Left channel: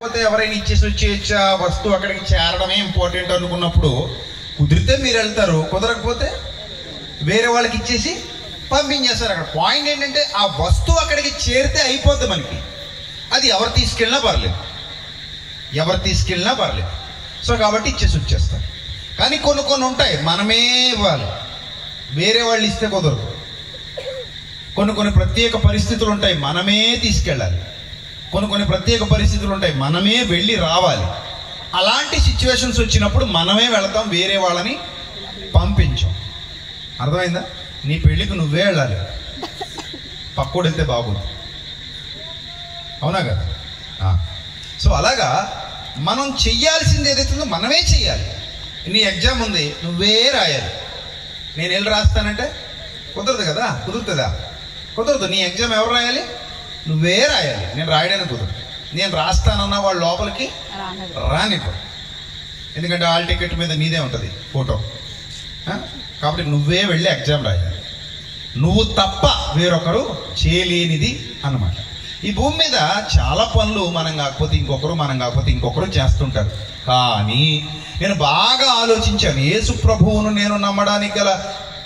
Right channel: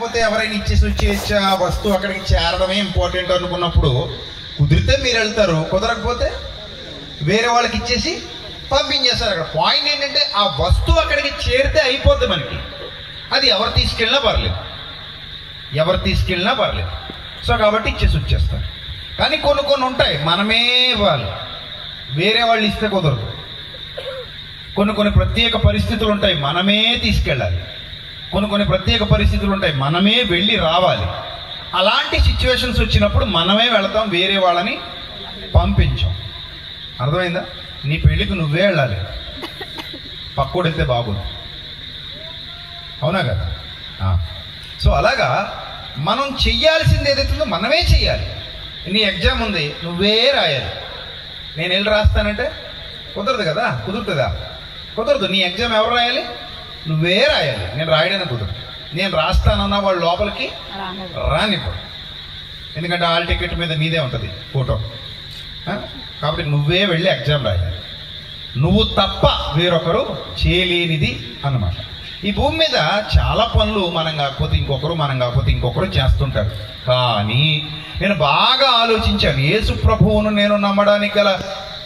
లేకపోతే ఎవరైనా ఇచ్చేసి వచ్చేసి ఆ వస్తువు అక్కడికి చేరడమే ఇంపార్టెంట్ అనుకున్నప్పుడు కుదిరితే మీరు వెళ్తారు, కుదరకపోతే వేరే వాళ్ళకి ఇచ్చేసి పంపించేస్తారు. అక్కడ పాయింట్ ఏంటంటే ఆ వస్తువు అక్కడికి చేరితే అయిపోద్ది మనకి. అది ఎవరు తీసుకెళ్ళినా పర్లేదు, సో కాబట్టి ఇచ్చేసి వచ్చేస్తారు. కానీ కొన్ని ఉంటాయి మనమే ఇవ్వాలి, వేరే వాళ్ళు ఇస్తే కుదరదు. కొన్ని ప్రత్యేక పరిస్థితులు ఉంటాయి, మనమే తీసుకెళ్ళాలి. కొన్ని ప్రత్యేక పరిస్థితులు ఉంటాయి, మనమే వెళ్ళి రావాలి. అలాంటి సిచ్యువేషన్స్ వచ్చినప్పుడు మనమే వెళతాం, వేరే వాళ్ళని పంపించాం. అర్థమైందా? నీ పెళ్ళికి నువ్వే వెళ్ళాలి, పక్కోడు వెళ్తే బాగుంది, అవునా కదా? సో అలాగా మనం చెయ్యాల్సింది ఏదైతుందో మనమే చెయ్యాలి. నీ ఎగ్జామ్ ఉంది, నువ్వే రాయాలి. నేను వెళ్ళి రాస్తానంటే కుదరదు కదా, కుదరదు. నీ ఎగ్జామ్ ఎవరు రాయాలి? నువ్వే రాయాలి. నేను రాయడానికి కుదరదు. నేను రాస్తానన్నా వాళ్ళు లోపలికి రానివ్వరు, ఎందుకంటే హాల్ టికెట్ మీద నీదే ఉంటుంది ఫోటో. కాబట్టి నువ్వే వెళ్ళి ఎగ్జామ్ రాయాలి. నువ్వు తప్ప వేరొకరు చేయలేనిది అన్నమాట. ఈ భూమి మీద చాలా పనులు మనం కాకపోతే ఇంకొకరు చేస్తుంటారు. కానీ నేను బాగా ఆలోచించాను, యేసు ప్రభువును నేను నమ్మడానికి గల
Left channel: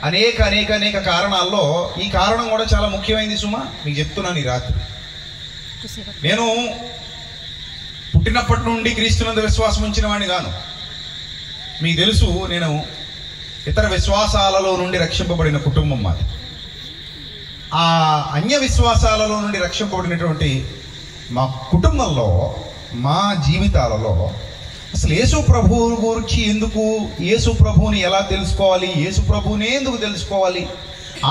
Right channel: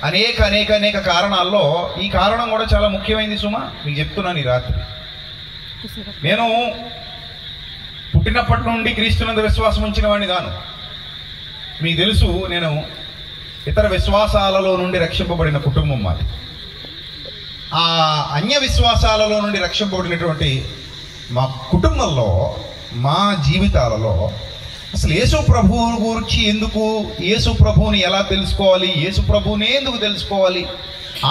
అనేక కారణాల్లో ఈ కారణం కూడా చాలా ముఖ్యమైనది సుమా. మీకు చెప్తున్నాను ఈ రాత్రి. నేను పుట్టినప్పటి నుండి క్రీస్తునందు విశ్వాసం ఉంచిన వాడిని కాను. మీకు తెలుసు, నేను ఇతర విశ్వాసాలలో నుండి రక్షింపబడిన కుటుంబం మాది. ఆ అన్య విశ్వాసాలలో నుండి రక్షింపబడినటువంటి మా కుటుంబంలో, మా జీవితాలలో అసలు యేసు ప్రభువు గురించి ఎందుకు, యేసు ప్రభువుని ఎలా తెలుసుకోవాలి, యేసు ప్రభువునే ఎందుకు తెలుసుకోవాలి,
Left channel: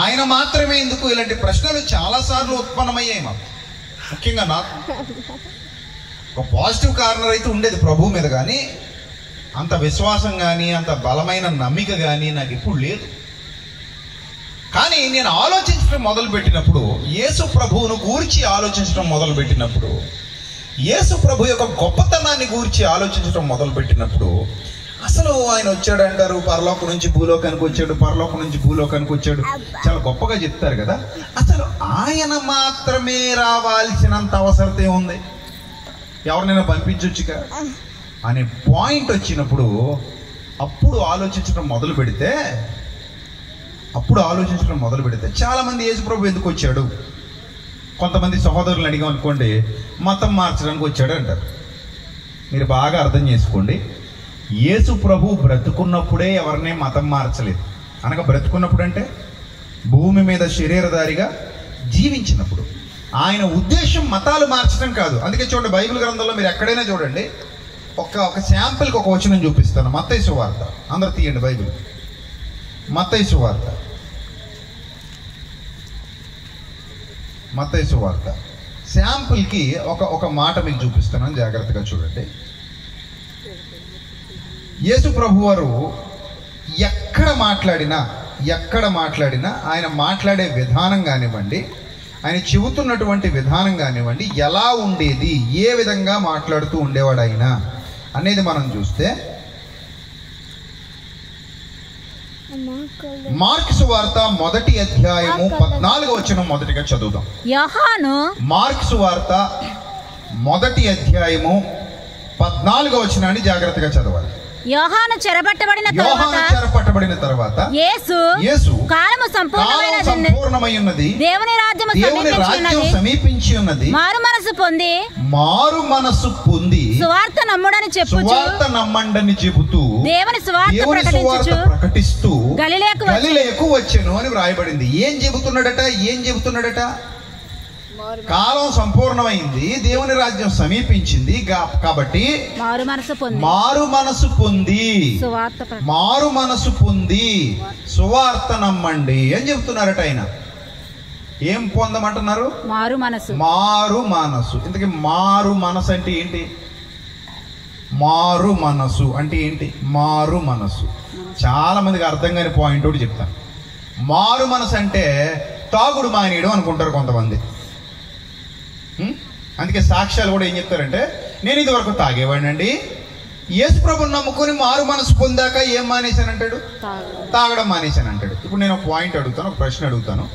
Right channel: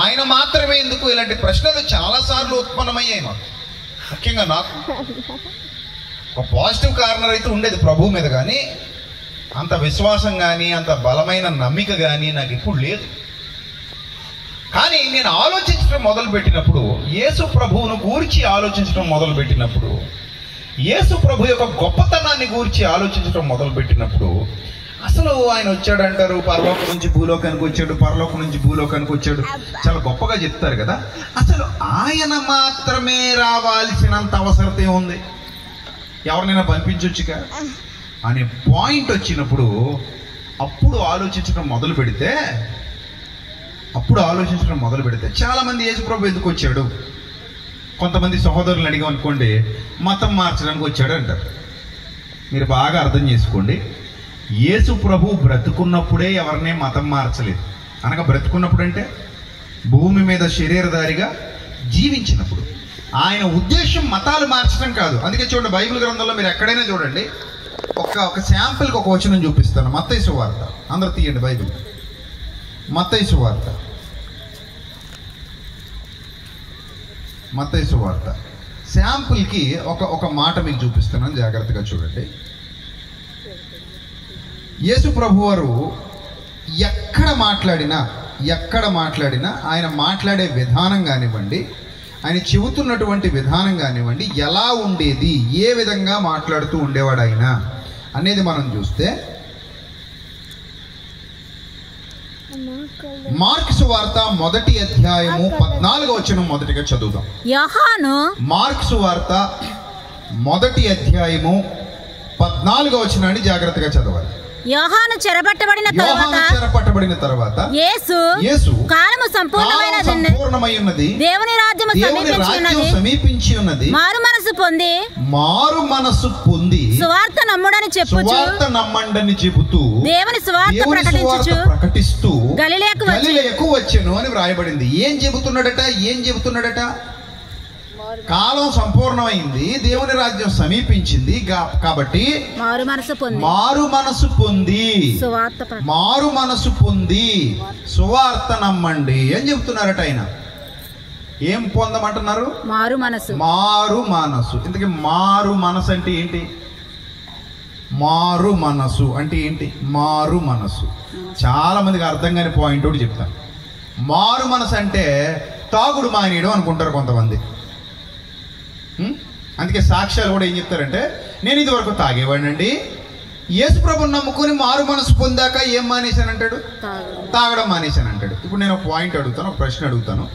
ఆయన మాత్రమే ఎందుకు, ఇలాంటి ప్రశ్నలు చాలాసార్లు ఉత్పన్నమయ్యాయి మాకు. ముఖ్యంగా నాకు ఒక పాజిటివ్ కార్నర్ అయితే ఉండేది ప్రభువు మీద, కానీ అంత విశ్వాసం కానీ అంత బలమైన నమ్మిక కానీ నాకు ఎప్పుడు లేదు. కానీ నేను ఆలోచించడం మొదలుపెట్టినప్పుడు, యేసు ప్రభువును గూర్చి ఆలోచించడం మొదలుపెట్టినప్పుడు, యేసు ప్రభు యొక్క గొప్పతనాన్ని గూర్చి ఆలోచించడం మొదలుపెట్టినప్పుడు, అసలు ఆయన వచ్చాడంటారు, పరలోకం నుంచి భూలోకానికి వచ్చాడు, పరలోకం నుంచి భూలోకానికి వచ్చాడు, చాలా గొప్పగా చెప్తారు కదా. అసలు ఆయన మాత్రమే రావాల్సినంత అవసరత ఉంది, ఎవరినైనా పంపించొచ్చుగా అనే పాయింట్ వచ్చినప్పుడు అప్పుడు ఆలోచించడం మొదలు పెడితే చాలామంది యేసు ప్రభు ఎందుకు వచ్చాడు, కొంతమంది సహోదరులను అడిగాం అనుకోండి, మతం మార్చడానికి వచ్చాడు అంటారు. మీరు బాగా అర్థం చేసుకోండి, యేసు ప్రభు బ్రతుకున్నప్పుడే ఎవరినే మతం మార్చలేదు. అనగా బ్రతుకున్నప్పుడు అంటే భూమి మీద శరీరధారిగా జీవించినప్పుడు. ఆయన ఉద్దేశం మతాలు మార్చడం కాదు. అందుకే చూడండి, బైబిల్ గ్రంథంలో మీరు ఎక్కడైనా చూడండి, ఒక శాంపిల్కి ఒక వచనం చూపిస్తాను. మత్తయి సువార్త, అందరూ తీయండి బైబిల్. మత్తయి సువార్త శాంపుల్కి ఒక మాట మీకు చూపిస్తున్నాను, జాగ్రత్తగా చూడండి. యేసు ప్రభు వారు ఎక్కడ మాట్లాడినా ఆయన మాట్లాడే విధానం కానివ్వండి, ఆయన చెబుతున్నటువంటి విధానం కానివ్వండి, ఎలా ఉండేది, ఏ విధంగా మాట్లాడుతూ ఉండేవాడు ఆయన అనేది మనం చూస్తే, మార్కు సువార్త 1వ అధ్యాయము 14వ వచనం మొదటిగా చదువుదాం. మార్కు సువార్త 1వ అధ్యాయము 14వ వచనాన్ని జాగ్రత్తగా చదవాలి. యోహాను చెరపట్టబడిన తరువాత యేసు కాలము సంపూర్ణమై ఉన్నది, దేవుని రాజ్యము సమీపించి ఉన్నది, మారు మనసు పొంది సువార్త నమ్మండని చెప్పుచు దేవుని సువార్త ప్రకటిస్తూ గలిలయకు వచ్చెను అని వ్రాయబడింది. ఏం చెబుతున్నాడట? కాలం సంపూర్ణమైంది, దేవుని రాజ్యం సమీపించింది, కాబట్టి మారు మనసు పొంది సువార్త నమ్మండి అని చెప్తున్నారట. ఆయన ఏం పొందమంటున్నారు? మారు మనసు. ఇంతకీ మారు మనసు అంటే ఏంటి? మారు మనసు చాలా మందికి అర్థం కాని పాయింట్ ఒకటి చెప్తాను. మారు మనసు అంటే తాగుడు మానేయడం అనుకుంటారు కొంతమంది. అందుకే సాక్ష్యాలు కూడా ఏం చెప్తారంటే, నేను ఇది వరకు తాగేవాడినండి, యేసు ప్రభుని నమ్ముకొని మారు మనసు పొందాక ఏం మానేశానంటాడు? తాగడం మానేశానంటాడు. ఇప్పుడు నేను ఒక ప్రశ్న అడుగుతాను.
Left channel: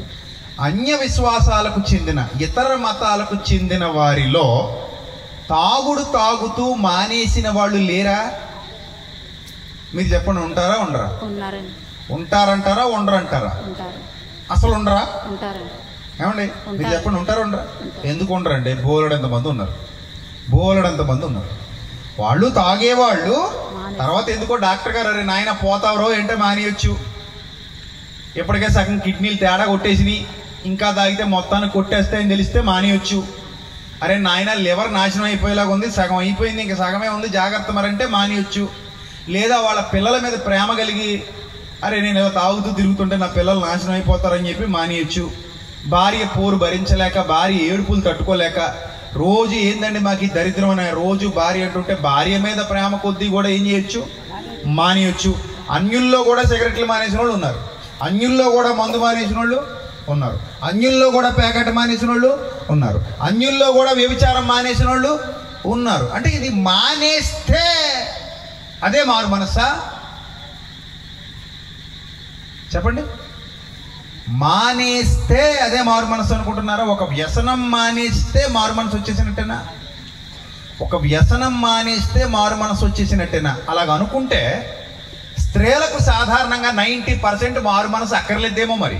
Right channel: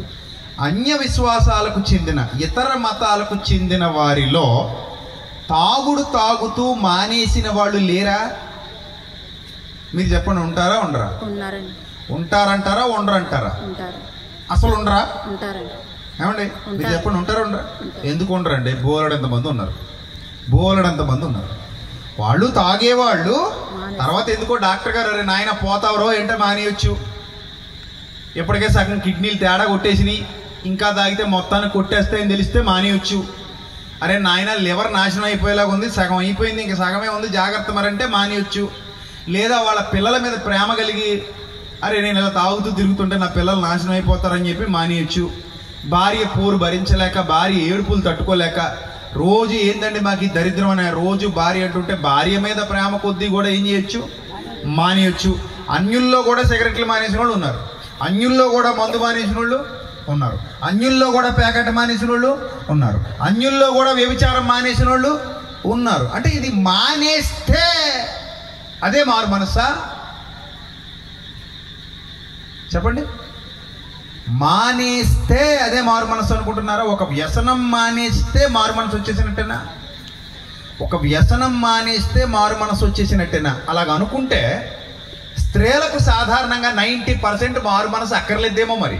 అన్య విశ్వాసాలకు చెందిన, ఇతర మతాలకు చెందిన వారిలో తాగుతూ మానేసిన వాళ్ళు లేరా? మీరు చెప్పండి, ఉంటారా ఉండరా? ఉన్నారండి. ఉంటారంటారా ఉండరంటారా? ఉంటారు. అసలు ఉండరా? ఉంటారండి. ఏమండి మీరు చెప్పండి, ఉంటారా ఉండరా? ఎందుకు ఉండరండి? బోలెడంత మంది ఉన్నారు, బోలెడంత మంది ఉన్నారు. వాళ్ళు తాగేవాళ్ళు. తర్వాత ఎందుకో డాక్టర్ గారు, అరే నాయన పోతావరో ఏంటో మానేయచ్చు, ఎప్పటికే సగం కిడ్నీలు తేడా కొట్టేసినాయి, ఇంకా తాగితే మొత్తాన్ని కొట్టేస్తాయని తెలిస్తే మానేయచ్చు. అరే నాయన లివర్ నాశనం అయిపోయేలాగా ఉంది, సగం అయిపోయింది, ఇంకా సగమే ఉంది, జాగ్రత్త మరంటే మానేయచ్చు. లేదా వాళ్ళ పిల్లల మీద ప్రేమ కలిగి, అరే నేను ఇలా తాగుతూ తిరుగుతుంటే నా పిల్లలు నాశనం అయిపోతారని చెప్పి మానేయచ్చు. భార్య పోరు భరించలేక, భార్య ఏడుపులు తట్టుకోలేక, రోజు ఏందండి మాకు ఈ దరిద్రం అనే రోజు భార్య అంటుంటే భార్య మీద ప్రేమ కొద్దీ కూడా ఏం చేయొచ్చు, మానేయచ్చు. అన్యుల్లో కూడా సిగరెట్లు మానేసిన వాళ్ళు ఉన్నారు, అన్యుల్లో కూడా మందు మానేసిన వాళ్ళు ఉన్నారు, అన్యుల్లో కూడా ప్యాకెట్ మానేసిన వాళ్ళు ఉన్నారు, అన్యుల్లో కూడా వ్యభిచారం మానేసిన వాళ్ళు ఉన్నారు. అంటే ఇది మానేస్తే అదే మారు మనస్సా? చెప్పండి. మానేస్తే అదే మారు మనసు అనుకుంటున్నారా? ఒక వ్యసనం మానేస్తే మారు మనసు వచ్చేసినట్టేనా? ఒక వ్యసనం మానేస్తే మారు మనసు వచ్చేసినట్టేనా? అలాగ అనుకుంటే స్త్రీలకు సాధారణంగా 90% మారు మనసు అక్కర్లేదేమో. మరి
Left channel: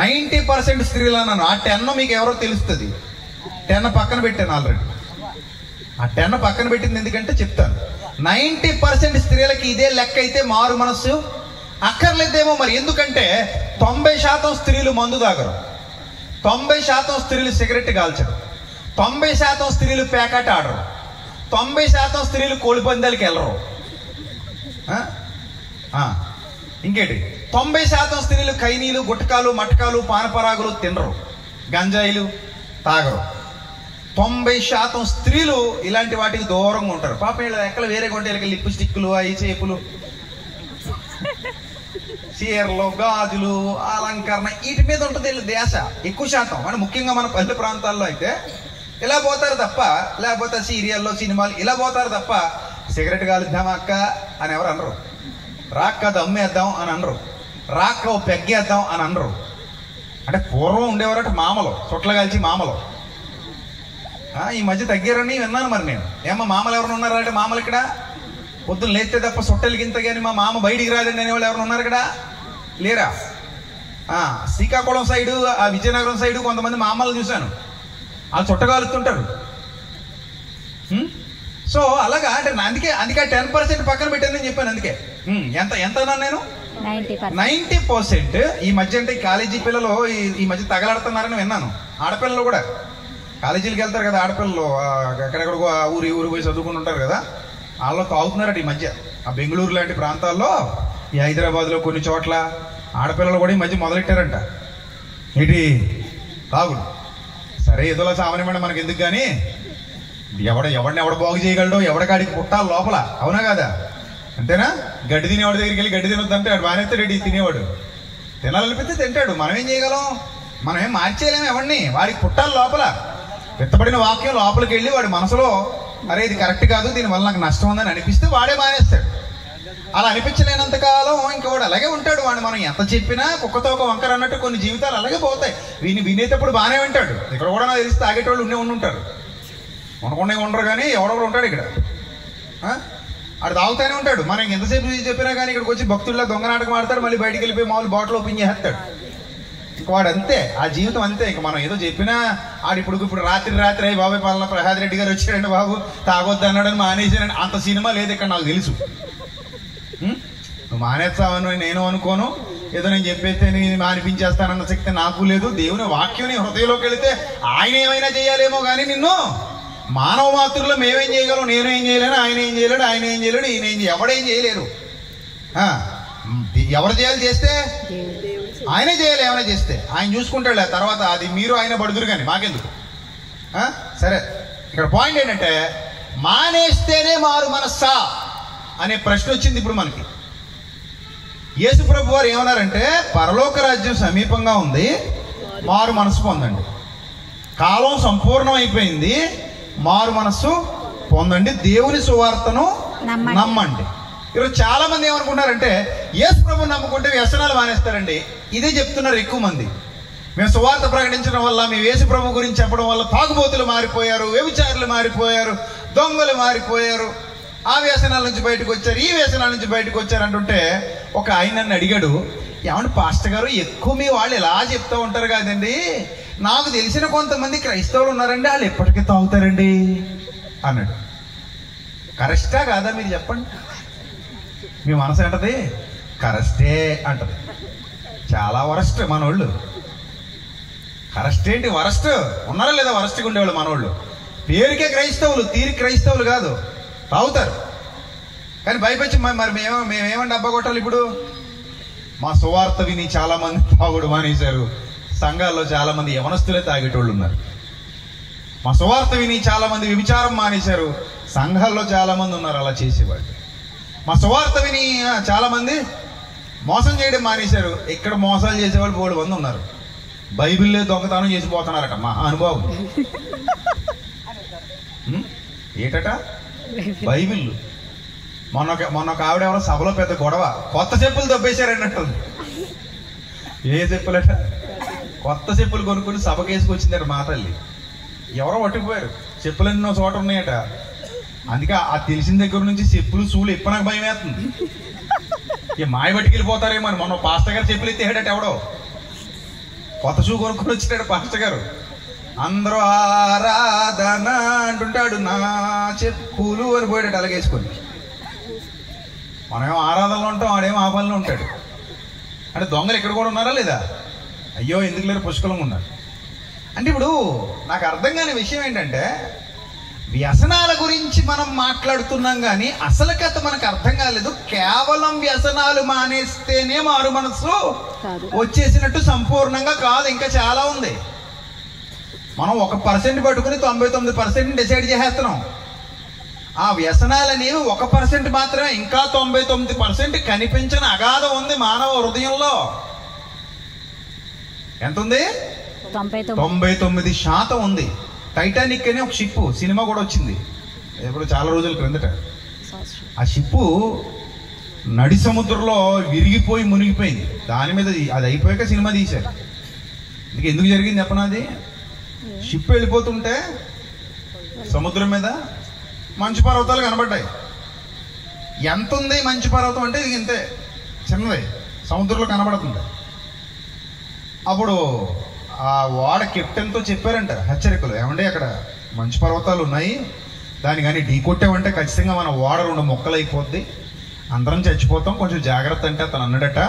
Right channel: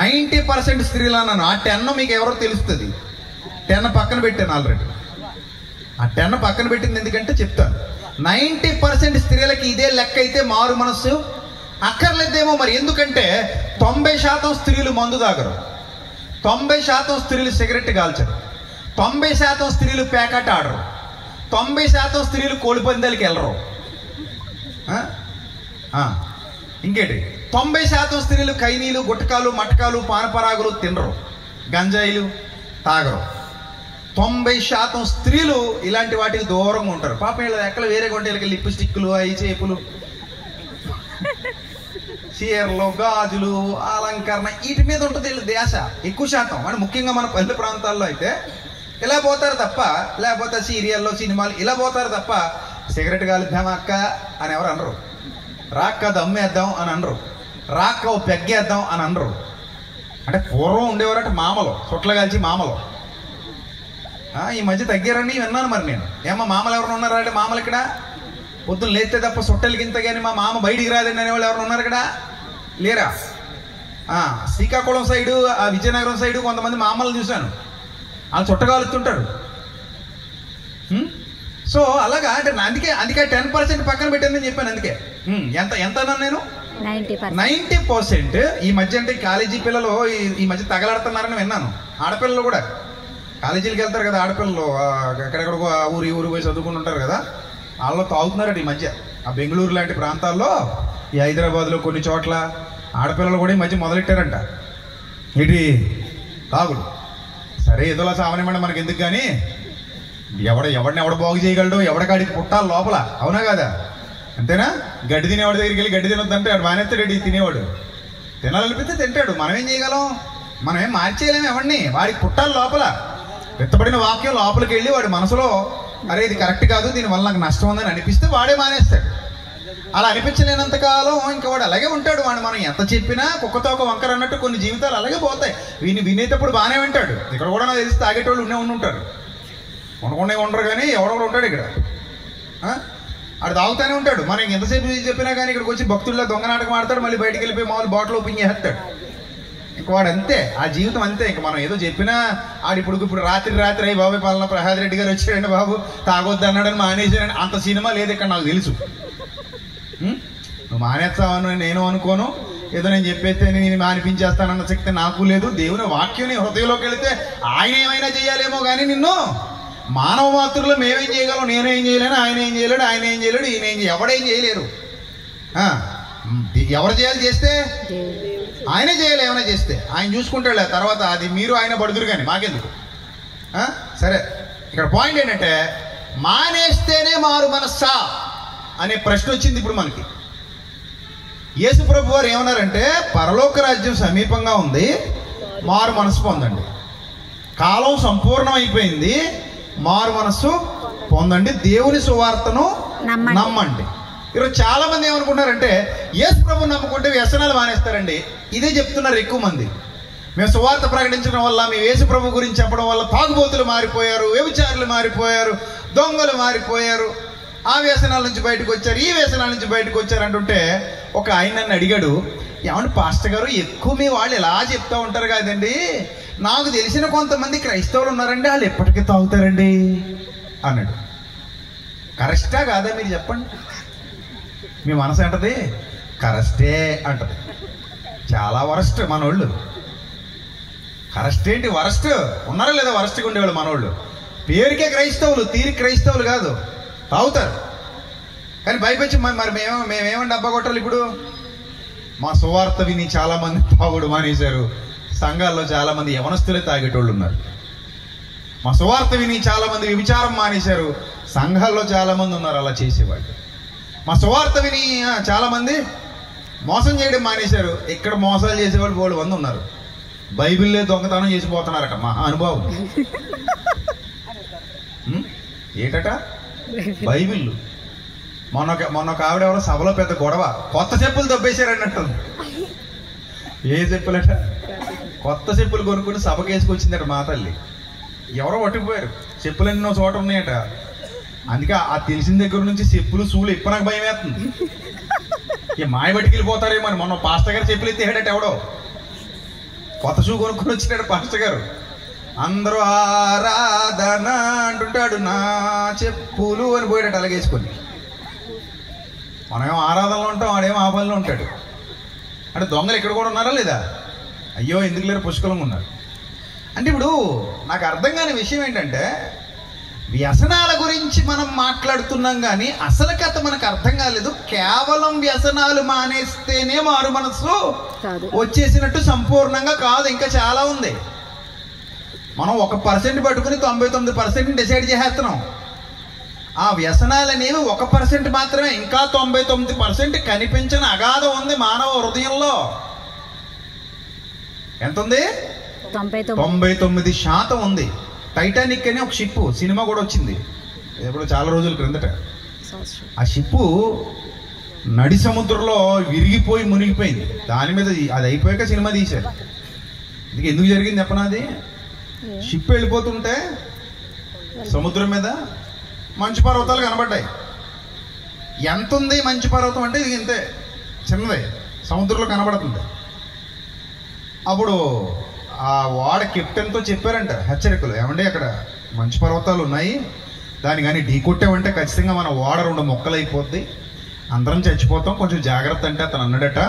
90% స్త్రీలు అన్నాను. ఆ 10 మీకు ఎవరో తెలుస్తుంది. 10 పక్కన పెట్టాను ఆల్రెడీ. ఆ 10 పక్కన పెట్టింది ఎందుకంటే చెప్తాను. 90% స్త్రీలకి ఇదే లెక్క అయితే మారు మనస్సు అక్కర్లేదేమో. మరి ఎందుకంటే 90% స్త్రీలు మందు తాగరు, 90% స్త్రీలు సిగరెట్ కాల్చరు, 90% స్త్రీలు ప్యాకెట్ ఆడరు, 90% స్త్రీలు కోడి పందాలకి వెళ్ళరు. ఇంకేంటి, 90% స్త్రీలు కైనీలు, గుట్టకాలు, మటకాలు, పానపరాగులు తినరు, గంజాయిలు తాగరు. 90% స్త్రీలు ఇలాంటి వాటికి దూరంగా ఉంటారు. పాపం వీళ్ళ ఎక్కడ వేరే కొంటే లిప్స్టిక్లు, ఐ చేపులు, చీరలు, గాజులు, అలంకరణ వీటి మీద ఉంటుంది వీళ్ళ ధ్యాస ఎక్కువ శాతం. అంటే ముఖ్యంగా మన పల్లె ప్రాంతాల్లో అయితే ఇలా పోతారు తప్ప, లేకపోతే సీరియల్లో, సినిమాలు ఇలా పోతారు తప్ప సిగరెట్ కాలుద్దాం అక్క అని ఎవరు అనరు, రాక్క దమ్మేద్దాం అని అనరు, రాక్క ఓ పెగ్గేద్దాం అని అనరు. అంటే పూర్వం ఉండేవారంటే మామలు, చుట్ల కాల్చి మామలు. ఈ మధ్య తగ్గారని విన్నాను. మరి నేను ఏమో మామలు ఎవరు ఉన్నారంటే, మామలు ఇక్కడ పొద్దున్న లేస్తే తప్ప సొట్టెలకి ఇంత కానీ మా మామ బయటికి రాదండి అనేవాళ్ళు ఎవరు ఉన్నారు ఇక్కడ? లేరా? శ్రీకాకుళం సైడు, ఆ విజయనగరం సైడు కొంతమంది మామలు చూశాను, వాళ్ళు చుట్టగాలుతుంటారు. సో అలాగా అంటే అందుకే 10% పక్కన పెట్టానని చెప్పాను. అందుకే ఎంత అన్నాను నేను? 90%. ఈ మధ్య అంటే కాలేజీ పిల్లలు ఈ మధ్య తగలాడుతున్నారని విన్నాను. ఆడపిల్లలు కూడా కాలేజీలకు వెళ్తారు కదా, ఆడపిల్లలు ఎక్కడెక్కడికో ఊరి పోయి చదువుకుంటుంటారు కదా, వాళ్ళు తాగుతున్నారట ఈ మధ్య. ఆ బెంగళూరు లాంటి ప్రాంతాల్లో, ఈ హైదరాబాద్లో కొన్ని చోట్ల ఆడపిల్లలు కూడా ఈ మధ్య మొదలెట్టారంట ఏంటి తాగుడు. సరే ఏదోలా సామాన్యమైన మనకి ఎందుకు కానీ, ఎవడిని బాగు చేయగలడో, ఎవడికాడికి పుట్టాలి లోపల, అవునా కదా? అంతేనా? గడ్డి తినేవాడి దగ్గరికి వెళ్ళి గడ్డి తినొద్దంటే వాడు మానేస్తాడు, తినేవాడు తినాలనిపిస్తే తింటాడు. మనం ఏం చేయగలం? మనం ఏం మార్చేయలేము ఎవడిని. వాడికి పుట్టాలి లోపల. వెత్తబడిన వాక్యం లోపలికి వెళ్ళి వాడి మనసులో, అరే ఇది కరెక్ట్ కాదు, దీనివల్ల నాకు నష్టం ఉందని అనిపిస్తే వాడే మానేస్తాడు. అలా అనిపించలేనంత కాలం ఇంకా వాడు అలాగే ఉంటాడు. వాడు మనం ఎంత చెప్పినా కుక్కతో ఒక వంకర అన్నట్టు కొన్ని జీవితాలు అలాగే పోతాయి. వినేటప్పుడు బాగానే వింటాడు. ఇక్కడ కూడా నాకు తెలిసి తాగేటోళ్ళు ఉంటారు, ఉండకుండా ఉండరు, కానీ ఎవడెవడు ఉంటాడు ఇక్కడ. ఆడు తాగుతానే ఉంటాడు. మనం ఎంతసేపు చెప్పినా కానీ ఇక్కడికి వచ్చి భక్తుల్లో దొంగ నాటకం ఆడతాడు, మళ్ళీ బయటికి వెళ్ళిపోయి మామూలు బాటిల్ ఓపెన్ చేస్తాడు. ఇంక వాడు అంతే, ఆ జీవితం అంతే. ఇంక మనం ఏదో చెప్పినా ఆడు ఇప్పుడు రాత్రి అయ్యి బాబు పలానా ప్రసాద్ రెడ్డి గారు వచ్చాడండి బాబు తాగొద్దు అన్నాడని మానేసాడని అంత సినిమా లేదు ఇక్కడ, నాకు తెలుసు. నువ్వు మానేస్తావని నేను అనుకోను, ఏదో నేను చెప్పేస్తే నేను మానిపించేస్తానన్న శక్తి నాకు లేదు. దేవుని వాక్యం హృదయంలోకి వెళితే ఆయన ఏమైనా చేయాలేమో కానీ నిన్ను మానవ మాతృలో మేమేం చేయగలం? నేను ఏం చేయలేను, ఆయన ఏం చేయలేడు, ఆయన ఏం చేయలేడు, ఈయన ఎవడేం చేయలేరు. ఎవరు చేయాలి? చేస్తే ఆయనే చేయాలి. ఏమైనా చేస్తే ఆయన చూసుకుంటాడు. తర్వాత అది మీరు ఆయన పడుదురు కానీ మాకెందుకు? సరే, ఇక్కడ పాయింట్ ఏంటంటే మానేస్తేనే మారు మనస్సా అనే ప్రశ్న వచ్చింది ఇప్పుడు మనకి. యేసు ప్రభు వారు ఏమన్నారంటే, పరలోక రాజ్యం సమీపంగా ఉంది, మారు మనసు పొందండి. కాలం సంపూర్ణం అయిపోయింది, మారు మనస్సు పొందండి, దేవుని సువార్తను నమ్మండి. ఈరోజు చాలా మంది ఏమనుకుంటున్నారంటే, యేసు ప్రభుని నమ్ముకుంటే వ్యసనాలు మానేస్తారండి. ఇదే చెప్తున్నారు ఎక్కువ మంది. మేము సువార్త ప్రకటించడం వల్ల, మేము యేసు ప్రభు గురించి చెప్పడం వల్ల తాగుబోతులు మారిపోయారు, వ్యభిచారులు మారిపోయారు, దొంగలు మారిపోయారు, ఆ వ్యసనాల నుంచి బయటకు వచ్చారు, ఈ వ్యసనాల నుంచి బయటకు వచ్చారు అంటుంటే ఒక ఆయన నన్ను అడిగాడు, ఏమంటే పాస్టర్ గారు ఎక్కువ మీ వాళ్ళు ఇలా చెప్తూ ఉంటారు కదండి, నాకు తెలిసిన కొంతమంది క్రైస్తవులు ఉన్నారండి, వాళ్ళు ఎప్పటికీ తాగుతారండి అన్నాడు. కరెక్టా కాదా మీరు చెప్పండి? మీ మనసు అంటది కరెక్టే అంటది. చాలా వరస్ట్ మనోళ్ళు. కరెక్ట్ ఏంటి, వరస్ట్ ఉన్నారా లేదా? వరస్ట్గా ఉండేవాళ్ళు మనోళ్ళు. పేరుకే క్రైస్తవులు, తీరి క్రైస్తవులు కాదు, తాగుతారు. కానీ భయపెచ్చి మరి మేమేమండి డబ్బా కొట్టాలి? ఇప్పుడు మా సువార్త విని చాలా మంది తాగుడు మానేశారు. సంఘాల్లో చాలా మంది యవనస్తులే తాగేటోళ్ళు ఉన్నారు. మా సువార్త విని చాలా మంది వ్యభిచారం మానేశారు. సంఘాల్లో చాలా మంది ఉన్నారు అలా చేసేవాళ్ళు. మా సువార్త విని చాలా మంది మోసం చేయడం మానేశారు. ఇక్కడ మోసాలు చేసేవాళ్ళు 3 మంది ఉన్నారు. బైబిల్లే దొంగతనం చేసిపోతున్నారట మా అనుభవం. ఏటట బైబిల్. మొన్న ఒక ఆవిడ ఎవరో సభలో పెద్ద గొడవ, కొత్త చెప్పులు దొబ్బేశారు అన్నట్టు. ఏ చెప్పులట? కొత్త చెప్పులు కొనుక్కుంటూ సభకు వేసుకొచ్చిందట మా తల్లి. ఎవరో పట్టుకుపోయారు. చెప్పులు ఎన్నో చోట ఉన్నాయట. అందుకే ఆ తెలిసిన దగ్గర నుంచి చెప్పులు సూలు ఎప్పుడు నాకు భయం వేస్తుంది. మాయ బట్టికి వెళ్ళిపోతారేమో అని. మొన్న పాస్టర్ గారు చెప్పులు ఎత్తేడట ఎవడో, కొత్త షూ కొనుక్కొని వచ్చినాడు పాస్టర్ గారు. అందరూ ఆరాధన అంటుంటాడు, నా చెప్పులు అని పోయాడట అలాగేసుకొని. మనమేమో ఆరాధనలో ఉంటాం, వాడేమో ఆ పనిలో ఉంటాడు. అంటే దొంగలు ఇక్కడ కూడా ఉన్నారా లేదా? అయ్యో ఎందుకు లేరు, పుష్కలంగా ఉన్నారు. అంటే ఇప్పుడు నాకు అర్థం కాని విషయం ఏంటంటే, వ్యసనాల గురించి మనం మాట్లాడుతున్నాం కానీ అసలు కథ మనకు అర్థం కాలేదు. కేవలం వ్యసనాలు మానేస్తేనే మారు మనసు వచ్చేసినట్టు సంపూర్ణంగా కాదు, ఇంకా చాలా ఉంది. మనం 1% పట్టుకుని 99% డిసైడ్ చేసేస్తున్నాం. ఆ వ్యసనాలు అనేవి 1% మాత్రమే. ఇంకా 99% కనిపించని అగాధం ఉంది మానవ హృదయంలో. ఎంత ఉంది? 99% ఉంది. టైటానిక్ అని ఒక షిప్ సినిమా కూడా వచ్చింది ఇప్పుడు చాలా రోజుల క్రిందట. ఆ షిప్పు నడి సముద్రంలో విరిగిపోయి మునిగిపోయింది. దాని మీద అది అయిపోయాక సినిమా తీశారు. ఎందుకు జరిగింది చెప్పనా? అది షిప్ వెళ్ళిపోతుంటే సముద్రం మీద మంచు పర్వతాలు కనబడ్డాయి. ఎంత ఉంది మంచు పర్వతం అంటే ఇది ఇంతే చిన్నది, సముద్రంలో కనబడుతుంది. అప్పుడు ఆ వాడ కెప్టెన్తో చెప్పారంట హెచ్చరికలు, ఏమంటే అక్కడ మంచు పర్వతాలు ఉన్నాయి, దాన్ని కానీ ఢీ కొట్టామంటే ఖచ్చితంగా మన వాడ 2 ముక్కలు అయిపోద్ది, అందరం చచ్చిపోతాం, కొంచెం జాగ్రత్త అంటే అతను అన్నాడట.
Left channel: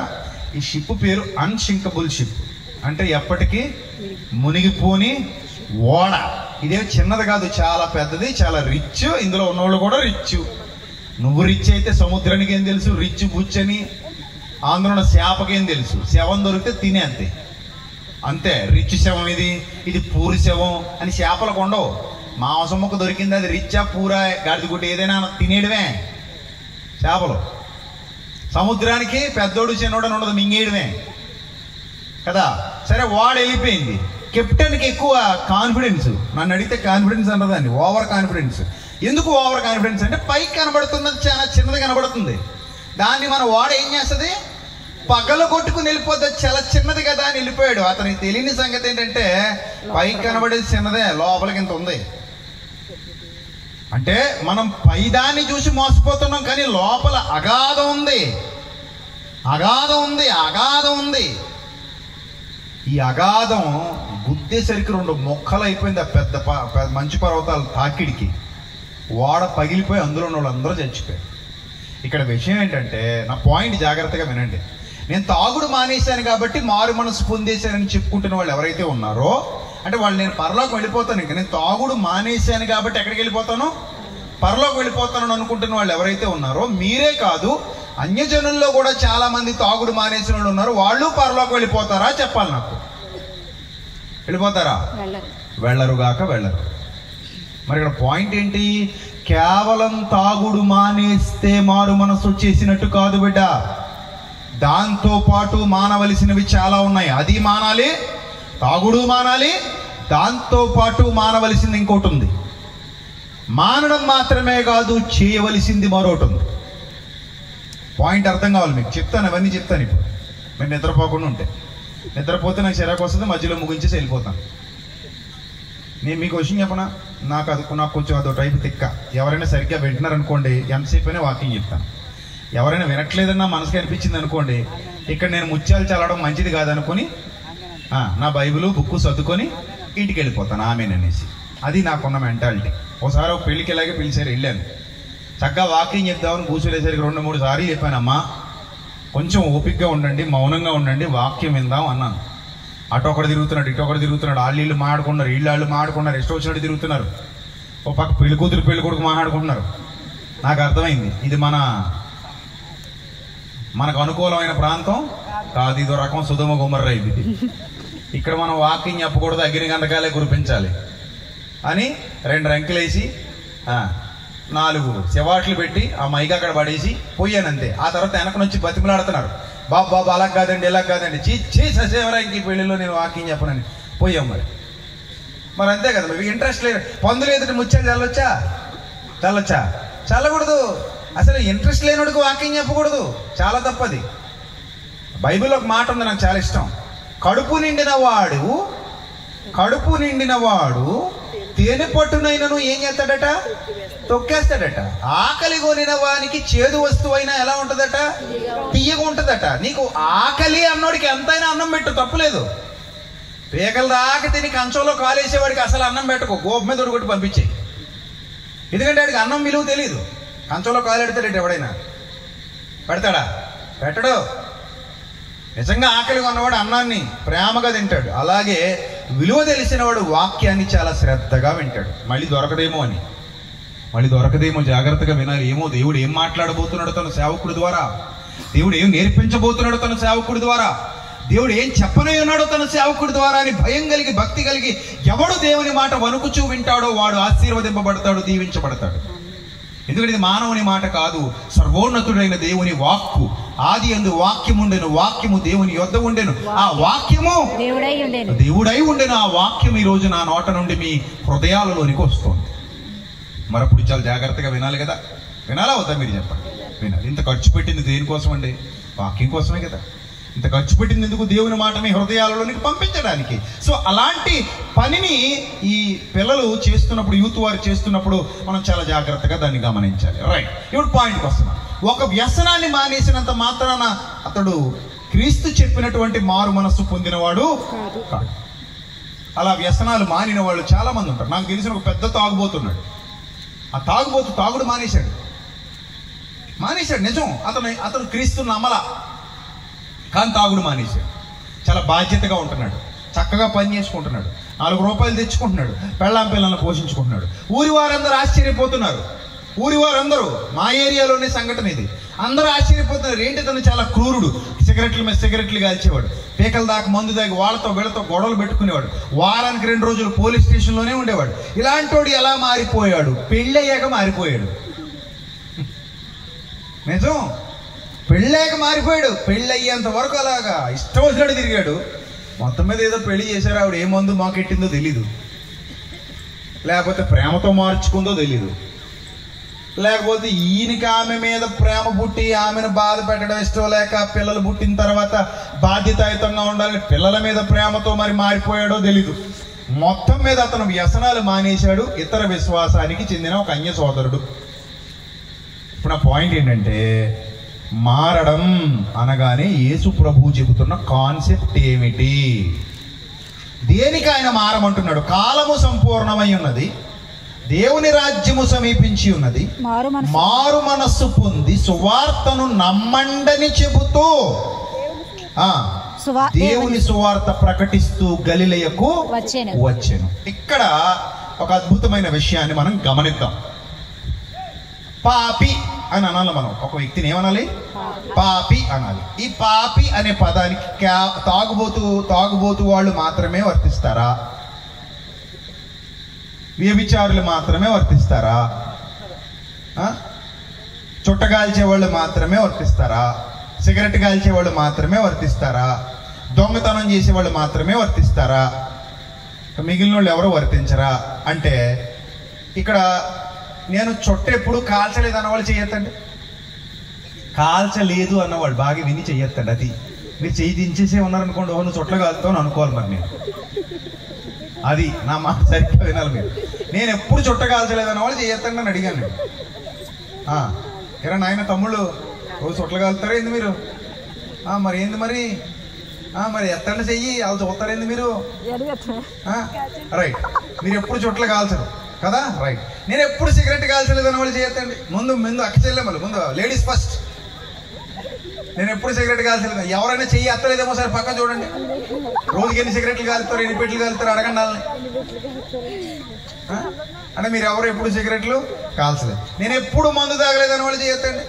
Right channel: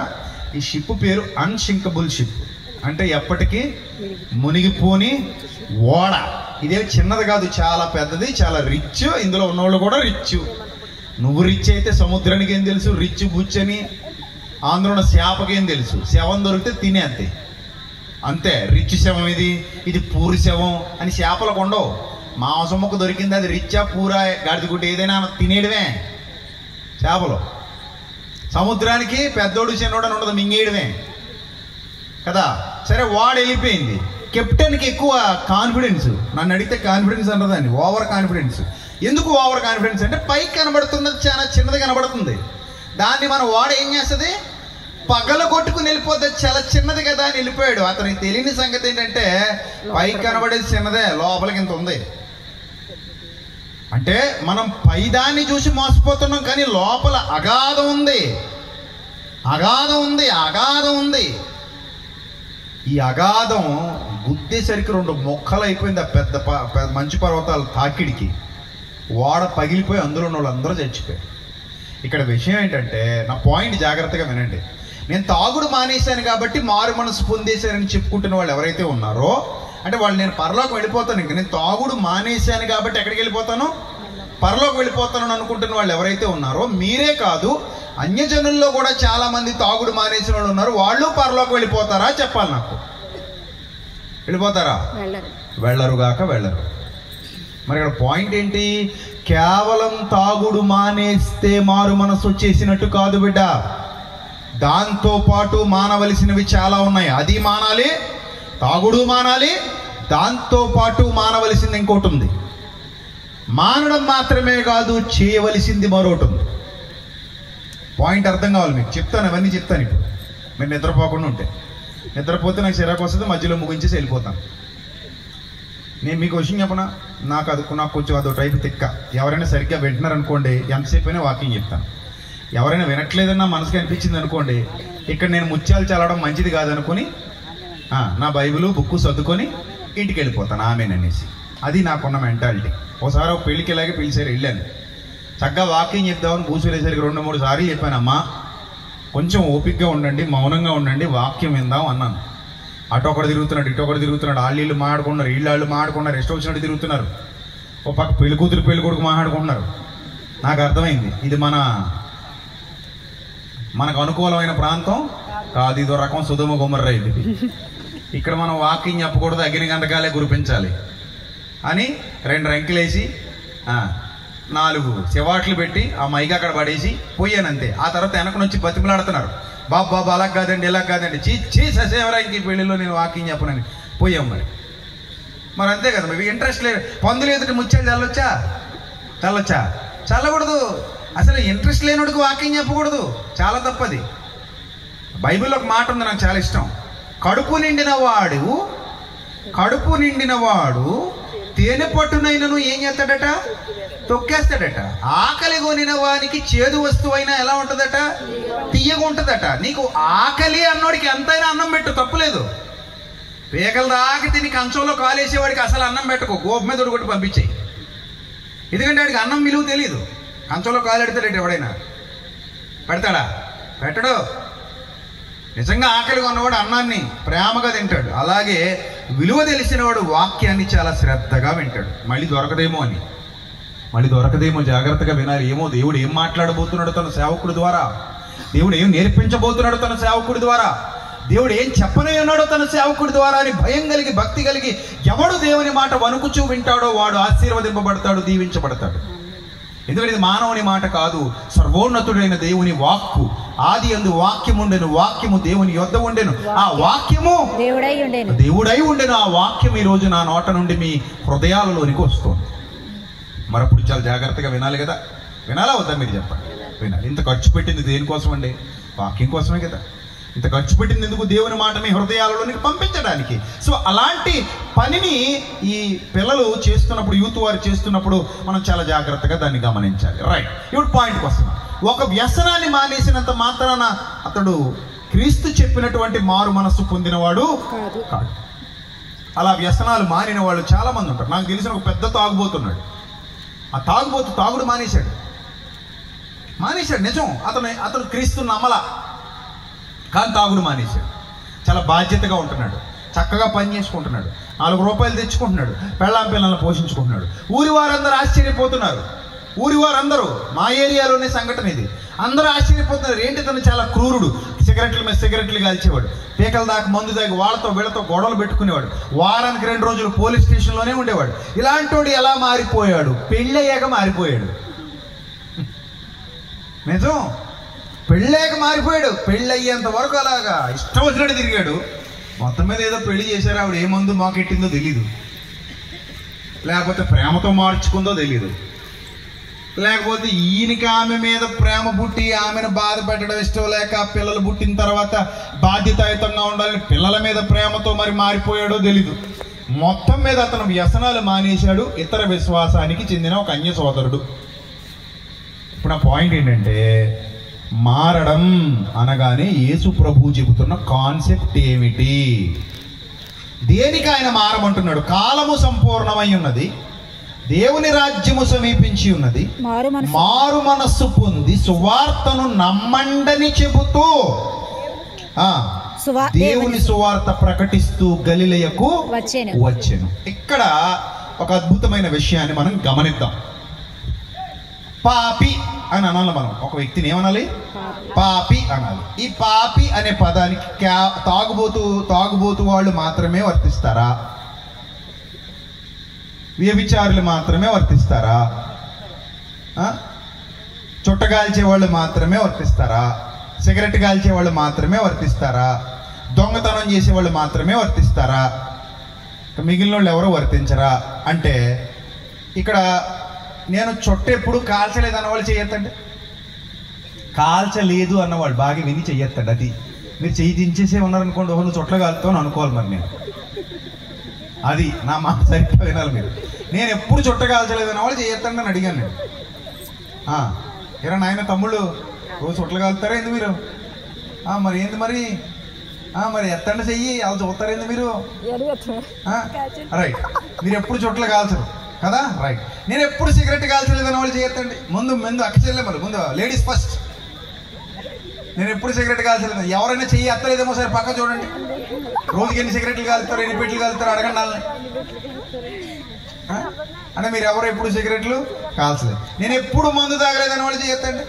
ఈ షిప్ పేరు అన్సింకబుల్ షిప్, అంటే ఎప్పటికీ మునిగిపోని ఓడ. ఇదే చిన్నది కాదు, చాలా పెద్దది, చాలా రిచ్. ఇందులో ఉన్నవాళ్ళు కూడా రిచ్. నువ్వు రిచ్ అయితే సముద్రానికి ఏం తెలుసు? రిచ్ బుచ్ అని. ఆంధ్రుల చేపకి ఏం తెలుసు? శవం దొరికితే తినే అంతే. అంతే, రిచ్ శవం ఇది పూరి శవం అని చేపలకు ఉండవు. మాంసం మొక్క దొరికింది, అది రిచ్చా పూరా గాడిదగుడ్డ ఏదైనా తినేయడమే చేపలు. సముద్రానికి పెద్దోడు చిన్నోడు అని ఉండదు, మింగేయడమే కదా. సరే వాడు వెళ్ళిపోయింది. కెప్టెన్కి ఎక్కువ కాన్ఫిడెన్స్. నన్ను అడిగితే కాన్ఫిడెన్స్ అన్నదాన్ని ఓవర్ కాన్ఫిడెన్స్. ఎందుకు ఓవర్ కాన్ఫిడెన్స్ అంటే పైకి కనబడుతుంది, చాలా చిన్నది కనబడుతుంది. దాన్ని మన వాడు ఏం చేస్తుంది? పగల కొట్టుకుని వెళ్ళిపోతే చాలా చిన్నది కదా అని వెళ్ళిపోయాడు. అతనికి తెలియని సంగతి ఏంటంటే పైకి కనబడేది చిన్నదే, లోపలికి ఇంత ఉంది. అంటే మనం పైదాన్ని చూసి మోసపోతున్నాం, కానీ లోపల అగాధం ఉంది, అగాధం ఉంది, అగాధం ఉంది. ఈ అగాధం గుద్దేసరికి 2 మొక్కలు అయిపోయింది. ఆ పెద్ద మంచు పర్వతాలు తాకిడికి ఓడ పగిలిపోయి అందులో ఉన్న వాళ్ళందరూ చచ్చిపోయారు. ఇక్కడ విషయం ఏంటంటే, నా పాయింట్ జాగ్రత్తగా వినండి. నేను తాగుడు మానేశాను కాబట్టి మారు మనసు పొందేశానని చెప్పుకుంటున్న వాళ్ళు ఎవరైతే ఉన్నారో, అంటే వాళ్ళు నేను పరలోకి వెళ్ళిపోతాను, ఇంకా నేను తాగుడు మానేశాను కాబట్టి ఎక్కడికి వెళ్ళిపోతాను? పరలోకి వెళ్ళిపోతాను అనుకుంటున్న వాళ్ళు ఎవరైతే ఉన్నారో, మీరే కాదు అన్యజనుల్లో కూడా చాలా మంది తాగుడు మానేసిన వాళ్ళు ఉన్నారు. వాళ్ళు పరలోకి వెళ్ళిపోతారా? చెప్పాలి నాకు. వెళ్ళిపోతారా? వెళ్ళరుగాక వెళ్ళరు. మరి ఇక్కడ పాయింట్ ఏంటి? కేవలం తాగుడు మానేస్తే మారు మనసు వచ్చేసినట్టు కాదు బిడ్డ. దాంతో పాటు మానవలసినవి చాలా ఉన్నాయి. అది మానాలి, తాగుడు మానాలి, దాంతో పాటు మానవలసింది ఇంకోటి ఉంది. మానడం మాత్రమే కాదు, చేయవలసింది మరొకటి ఉంది. పాయింట్ అర్థం కావాలి మీకు. చెప్తాను, అవన్నీ చెప్తాను ఇప్పుడు మీరు నిద్రపోకుండా ఉంటే. నిద్రపోతే నాకు చిరాకు వస్తుంది, మధ్యలో ముగించేసి వెళ్ళిపోతాను. నేను మీకు విషయం చెప్పనా, నాకు కొంచెం అదో టైప్ తిక్క. ఎవరైనా సరిగ్గా వింటున్నారనుకోండి, ఎంతసేపు అయినా వాకింగ్ చెప్తాను. ఎవరైనా వినట్లేదన్నా మనసుకి అనిపించింది అనుకోండి, ఇక్కడ నేను ముత్యాలు చల్లడం మంచిది కాదనుకుని నా బైబిల్ బుక్కు సర్దుకొని ఇంటికి వెళ్ళిపోతాను ఆమెననేసి. అది నాకున్న మెంటాలిటీ. ఒకసారి ఒక పెళ్ళికి ఇలాగే పిలిచారు, వెళ్ళాను. చక్కగా వాకింగ్ చెప్దామని కూర్చునేసరికి 2-3 సార్లు చెప్పానమ్మా కొంచెం ఓపికగా ఉండండి, మౌనంగా ఉండండి, వాక్యం విందాం అన్నాను. అటు ఒకటి తిరుగుతున్నాడు, ఇటు ఒకటి తిరుగుతున్నాడు, వాళ్ళు మాడుకున్నారు, వీళ్ళు మాడుకున్నారు, ఇష్టం వచ్చినట్టు తిరుగుతున్నారు. ఓ పక్క పెళ్లి కూతురు పెళ్లి కొడుకు మాట్లాడుకుంటున్నారు. నాకు అర్థమైంది ఇది మనకు అనుకూలమైన ప్రాంతం కాదు, ఇదో రకం సుధమ గుమ్మర్రా ఇది. ఇక్కడ మనం వాకింగ్ చెప్పకూడదు, అగ్ని గంటకాలే కురిపించాలి అని 2 రంకెలేసి 4 చెవాట్లు పెట్టి ఆ మైక్ అక్కడ పడేసి పోయానంతే. ఆ తర్వాత వెనకనొచ్చి బతిమలాడుతున్నారు, బాబు అలా కాదండి ఇలా కాదండి, చీ ససేవరా ఇంక పెళ్లిలో నేను వాకింగ్ చెప్పనని పోయాం. మరి అంతే కదా, మీకు ఇంట్రెస్ట్ లేదు. పందులు ఎదుటి ముచ్చాలు చల్లొచ్చా చల్లకూడదు. అసలు ఇంట్రెస్ట్ లేనుడికి వాకింగ్ చెప్పకూడదు, చాలా తప్పది. బైబిల్లో ఒక మాట ఉంది, నాకు చాలా ఇష్టం. కడుపు నిండిన వాడు తేనె పట్టునైనను ఏం చేస్తాడట, తొక్కేస్తాడట. ఆకలి కొనిన వానికి చేదు వస్తువైనా ఎలా ఉంటుందట, తీయగా ఉంటుందట. నీకు ఆకలి అన్నోడికి ఎంతైనా అన్నం పెట్టు, తప్పులేదు. పేగలు దాకా తిని కంచంలో కాలేసేవాడికి అసలు అన్నం పెట్టుకో, గోపు మీద ఉడగొట్టి పంపించేయి. ఎందుకంటే వాడికి అన్నం విలువ తెలియదు. కంచంలో కాలు ఎడతాడట, ఎవడైనా పెడతాడా? పెట్టడు. నిజంగా ఆకలి ఉన్నవాడు అన్నాన్ని ప్రేమగా తింటాడు. అలాగే విలువ తెలిసిన వాడు వాక్యాన్ని చాలా శ్రద్ధగా వింటాడు. మళ్ళీ దొరకదేమో జాగ్రత్తగా వినాలి. ఏమో దేవుడు ఏం మాట్లాడబోతున్నాడు తన సేవకుడి ద్వారా, దేవుడు ఏం నేర్పించబోతున్నాడు తన సేవకుడి ద్వారా, దేవుడు ఏం చెప్పనే ఉన్నాడో తన సేవకుడి ద్వారా అని భయం కలిగి భక్తి కలిగి ఎవడు దేవుని మాట వణుకుచూ వింటాడో వాడు ఆశీర్వదింపబడతాడు, దీవించబడతాడు. ఎందుకంటే ఇది మానవుని మాట కాదు, సర్వోన్నతుడైన దేవుని వాక్కు. ఆది యందు వాక్యము ఉండెను, వాక్యము దేవుని యొద్ద ఉండెను, ఆ వాక్యము దేవుడై ఉండెను. ఆ వాక్యం ఈ రోజు నా నోట నుండి మీ హృదయాలలోనికి వస్తుంది. మరప్పుడు చాలా జాగ్రత్తగా వినాలి కదా. వినాలా వద్దా మీరు చెప్పండి? వినాలి. ఇంత ఖర్చు పెట్టింది దేనికోసం అండి? వాక్యం కోసమే కదా. ఇంత ఖర్చు పెట్టింది ఎందుకు? దేవుని మాట మీ హృదయాలలోనికి పంపించడానికి. సో అలాంటి పనిని ఈ పిల్లలు చేస్తున్నప్పుడు, యూత్ వారు చేస్తున్నప్పుడు మనం చాలా జాగ్రత్తగా దాన్ని గమనించాలి. రైట్, ఇప్పుడు పాయింట్కి వస్తున్నాం. ఒక వ్యసనాన్ని మానేసినంత మాత్రాన అతడు క్రీస్తు చెప్పినటువంటి మారు మనస్సు పొందినవాడు కాదు. అలా వ్యసనాలు మానిన వాళ్ళు చాలా మంది ఉంటారు. నాకు తెలిసిన ఒక పెద్ద తాగుబోతున్నాడు. ఆ తాగుడు మానేశాడు. నిజం, అతను క్రీస్తు నమ్మలా, కానీ తాగుడు మానేశాడు. చాలా బాధ్యతగా ఉంటున్నాడు, చక్కగా పని చేసుకుంటున్నాడు, 4 రూపాయలు తెచ్చుకుంటున్నాడు, పిల్లలను పోషించుకుంటున్నాడు. ఊరి వారందరూ ఆశ్చర్యపోతున్నారు. ఊరి వారందరూ, మా ఏరియాలోనే సంఘటన ఇది, అందరూ ఆశ్చర్యపోతున్నారు. ఏంటి, తను చాలా క్రూరుడు. సిగరెట్ల మీద సిగరెట్లు కాల్చేవాడు, పీకల దాకా మందు దాకా వీళ్ళతో గొడవలు పెట్టుకునేవాడు. వారానికి 2 రోజులు పోలీస్ స్టేషన్లోనే ఉండేవాడు. ఇలాంటి వాడు ఎలా మారిపోయాడు? పెళ్ళయ్యాక మారిపోయాడు. నిజం, పెళ్ళయ్యాక మారిపోయాడు. పెళ్ళి అయ్యేంత వరకు అలాగా ఇష్టం వచ్చినట్టు తిరిగాడు. మొత్తం మీద ఏదో పెళ్లి చేశారు, ఆవిడ ఏ మందు మాకెట్టిందో తెలీదు, లేకపోతే ప్రేమతో మార్చుకుందో తెలీదు, లేకపోతే ఈయనకి ఆమె మీద ప్రేమ పుట్టి ఆమెను బాధ పెట్టడం ఇష్టం లేక పిల్లలు పుట్టిన తర్వాత బాధ్యతాయుతంగా ఉండాలని పిల్లల మీద ప్రేమతో మరి మారిపోయాడో తెలీదు. మొత్తం మీద అతను వ్యసనాలు మానేశాడు. ఇతర విశ్వాసానికి చెందిన ఒక అన్య సోదరుడు. ఇప్పుడు నా పాయింట్ ఏంటంటే, మారడం అనగానే యేసు ప్రభు చెబుతున్న కాన్సెప్ట్ ఏమిటి? దేనికి ఆయన మారమంటున్నాడు? కాలము సంపూర్ణమై ఉన్నది, దేవుని రాజ్యము సమీపించి ఉన్నది, మారు మనస్సు పొంది సువార్తను నమ్మండని చెబుతూ దేవుని సువార్త ప్రకటిస్తూ గలిలయకు వచ్చెను. ఇక్కడ ఒక అద్భుతమైన విషయాన్ని మనం గమనిద్దాం. పాపి అని అనాలి మనం. ఒక వ్యక్తిని ఏమనాలి? పాపి అనాలి. ఈ పాపి అనే పదానికి తాగుబోతు వాళ్ళు మాత్రమే వర్తిస్తారా? వ్యభిచారులు మాత్రమే వర్తిస్తారా? చుట్టగాల్చే వాళ్ళు మాత్రమే వర్తిస్తారా? సిగరెట్ కాల్చే వాళ్ళు మాత్రమే వర్తిస్తారా? దొంగతనం చేసే వాళ్ళు మాత్రమే వర్తిస్తారా? మిగిలిన వాళ్ళు ఎవరు వర్తించరా? అంటే ఇక్కడ నేను చుట్ట ఎప్పుడు కాల్చలేదు అన్నవాళ్ళు చెయ్యొద్దండి, కాల్చలేదు అన్నవాళ్ళు బాగా విని చెయ్యొద్దండి. అది మీరు చెయ్యి దించేసే ఉన్నారనుకోండి, ఓహో నువ్వు చుట్టలు కాలుతావు అనుకోవాలి. మరి నేను అది నా మాట సరిగ్గా వినాలి మీరు. నేను ఎప్పుడు చుట్ట కాల్చలేదు అన్న వాళ్ళు చేయొద్దండి అని అడిగాను నేను. ఎరా నాయన తమ్ముళ్ళు రోజు చుట్టలు కాలుతారా ఏంది మీరు? మరి ఏంది మరి మరి ఎత్తండి చెయ్యి వాళ్ళు చూస్తారేంది మీరు? రైట్, మీరు ఎప్పుడు చుట్టలు కాల్చరు కదా, రైట్. నేను ఎప్పుడు సిగరెట్ కాల్చలేదు అన్న వాళ్ళు చేయొద్దండి. ముందు అక్క చెల్లెమ్మలు, ముందు లేడీస్ ఫస్ట్. నేను ఎప్పుడు సిగరెట్ కాల్చలేదు. ఎవరైనా చెయ్యి ఎత్తలేదేమో సరే పక్కన చూడండి. రోజుకి ఎన్ని సిగరెట్లు కాలుతారు, ఎన్ని పెట్లు కాలుతారు అడగండి వాళ్ళని. అంటే మీరు ఎవరు ఎప్పుడు సిగరెట్లు కాల్చలేదు. నేను ఎప్పుడు మందు తాగలేదని వాళ్ళు చేయొద్దండి.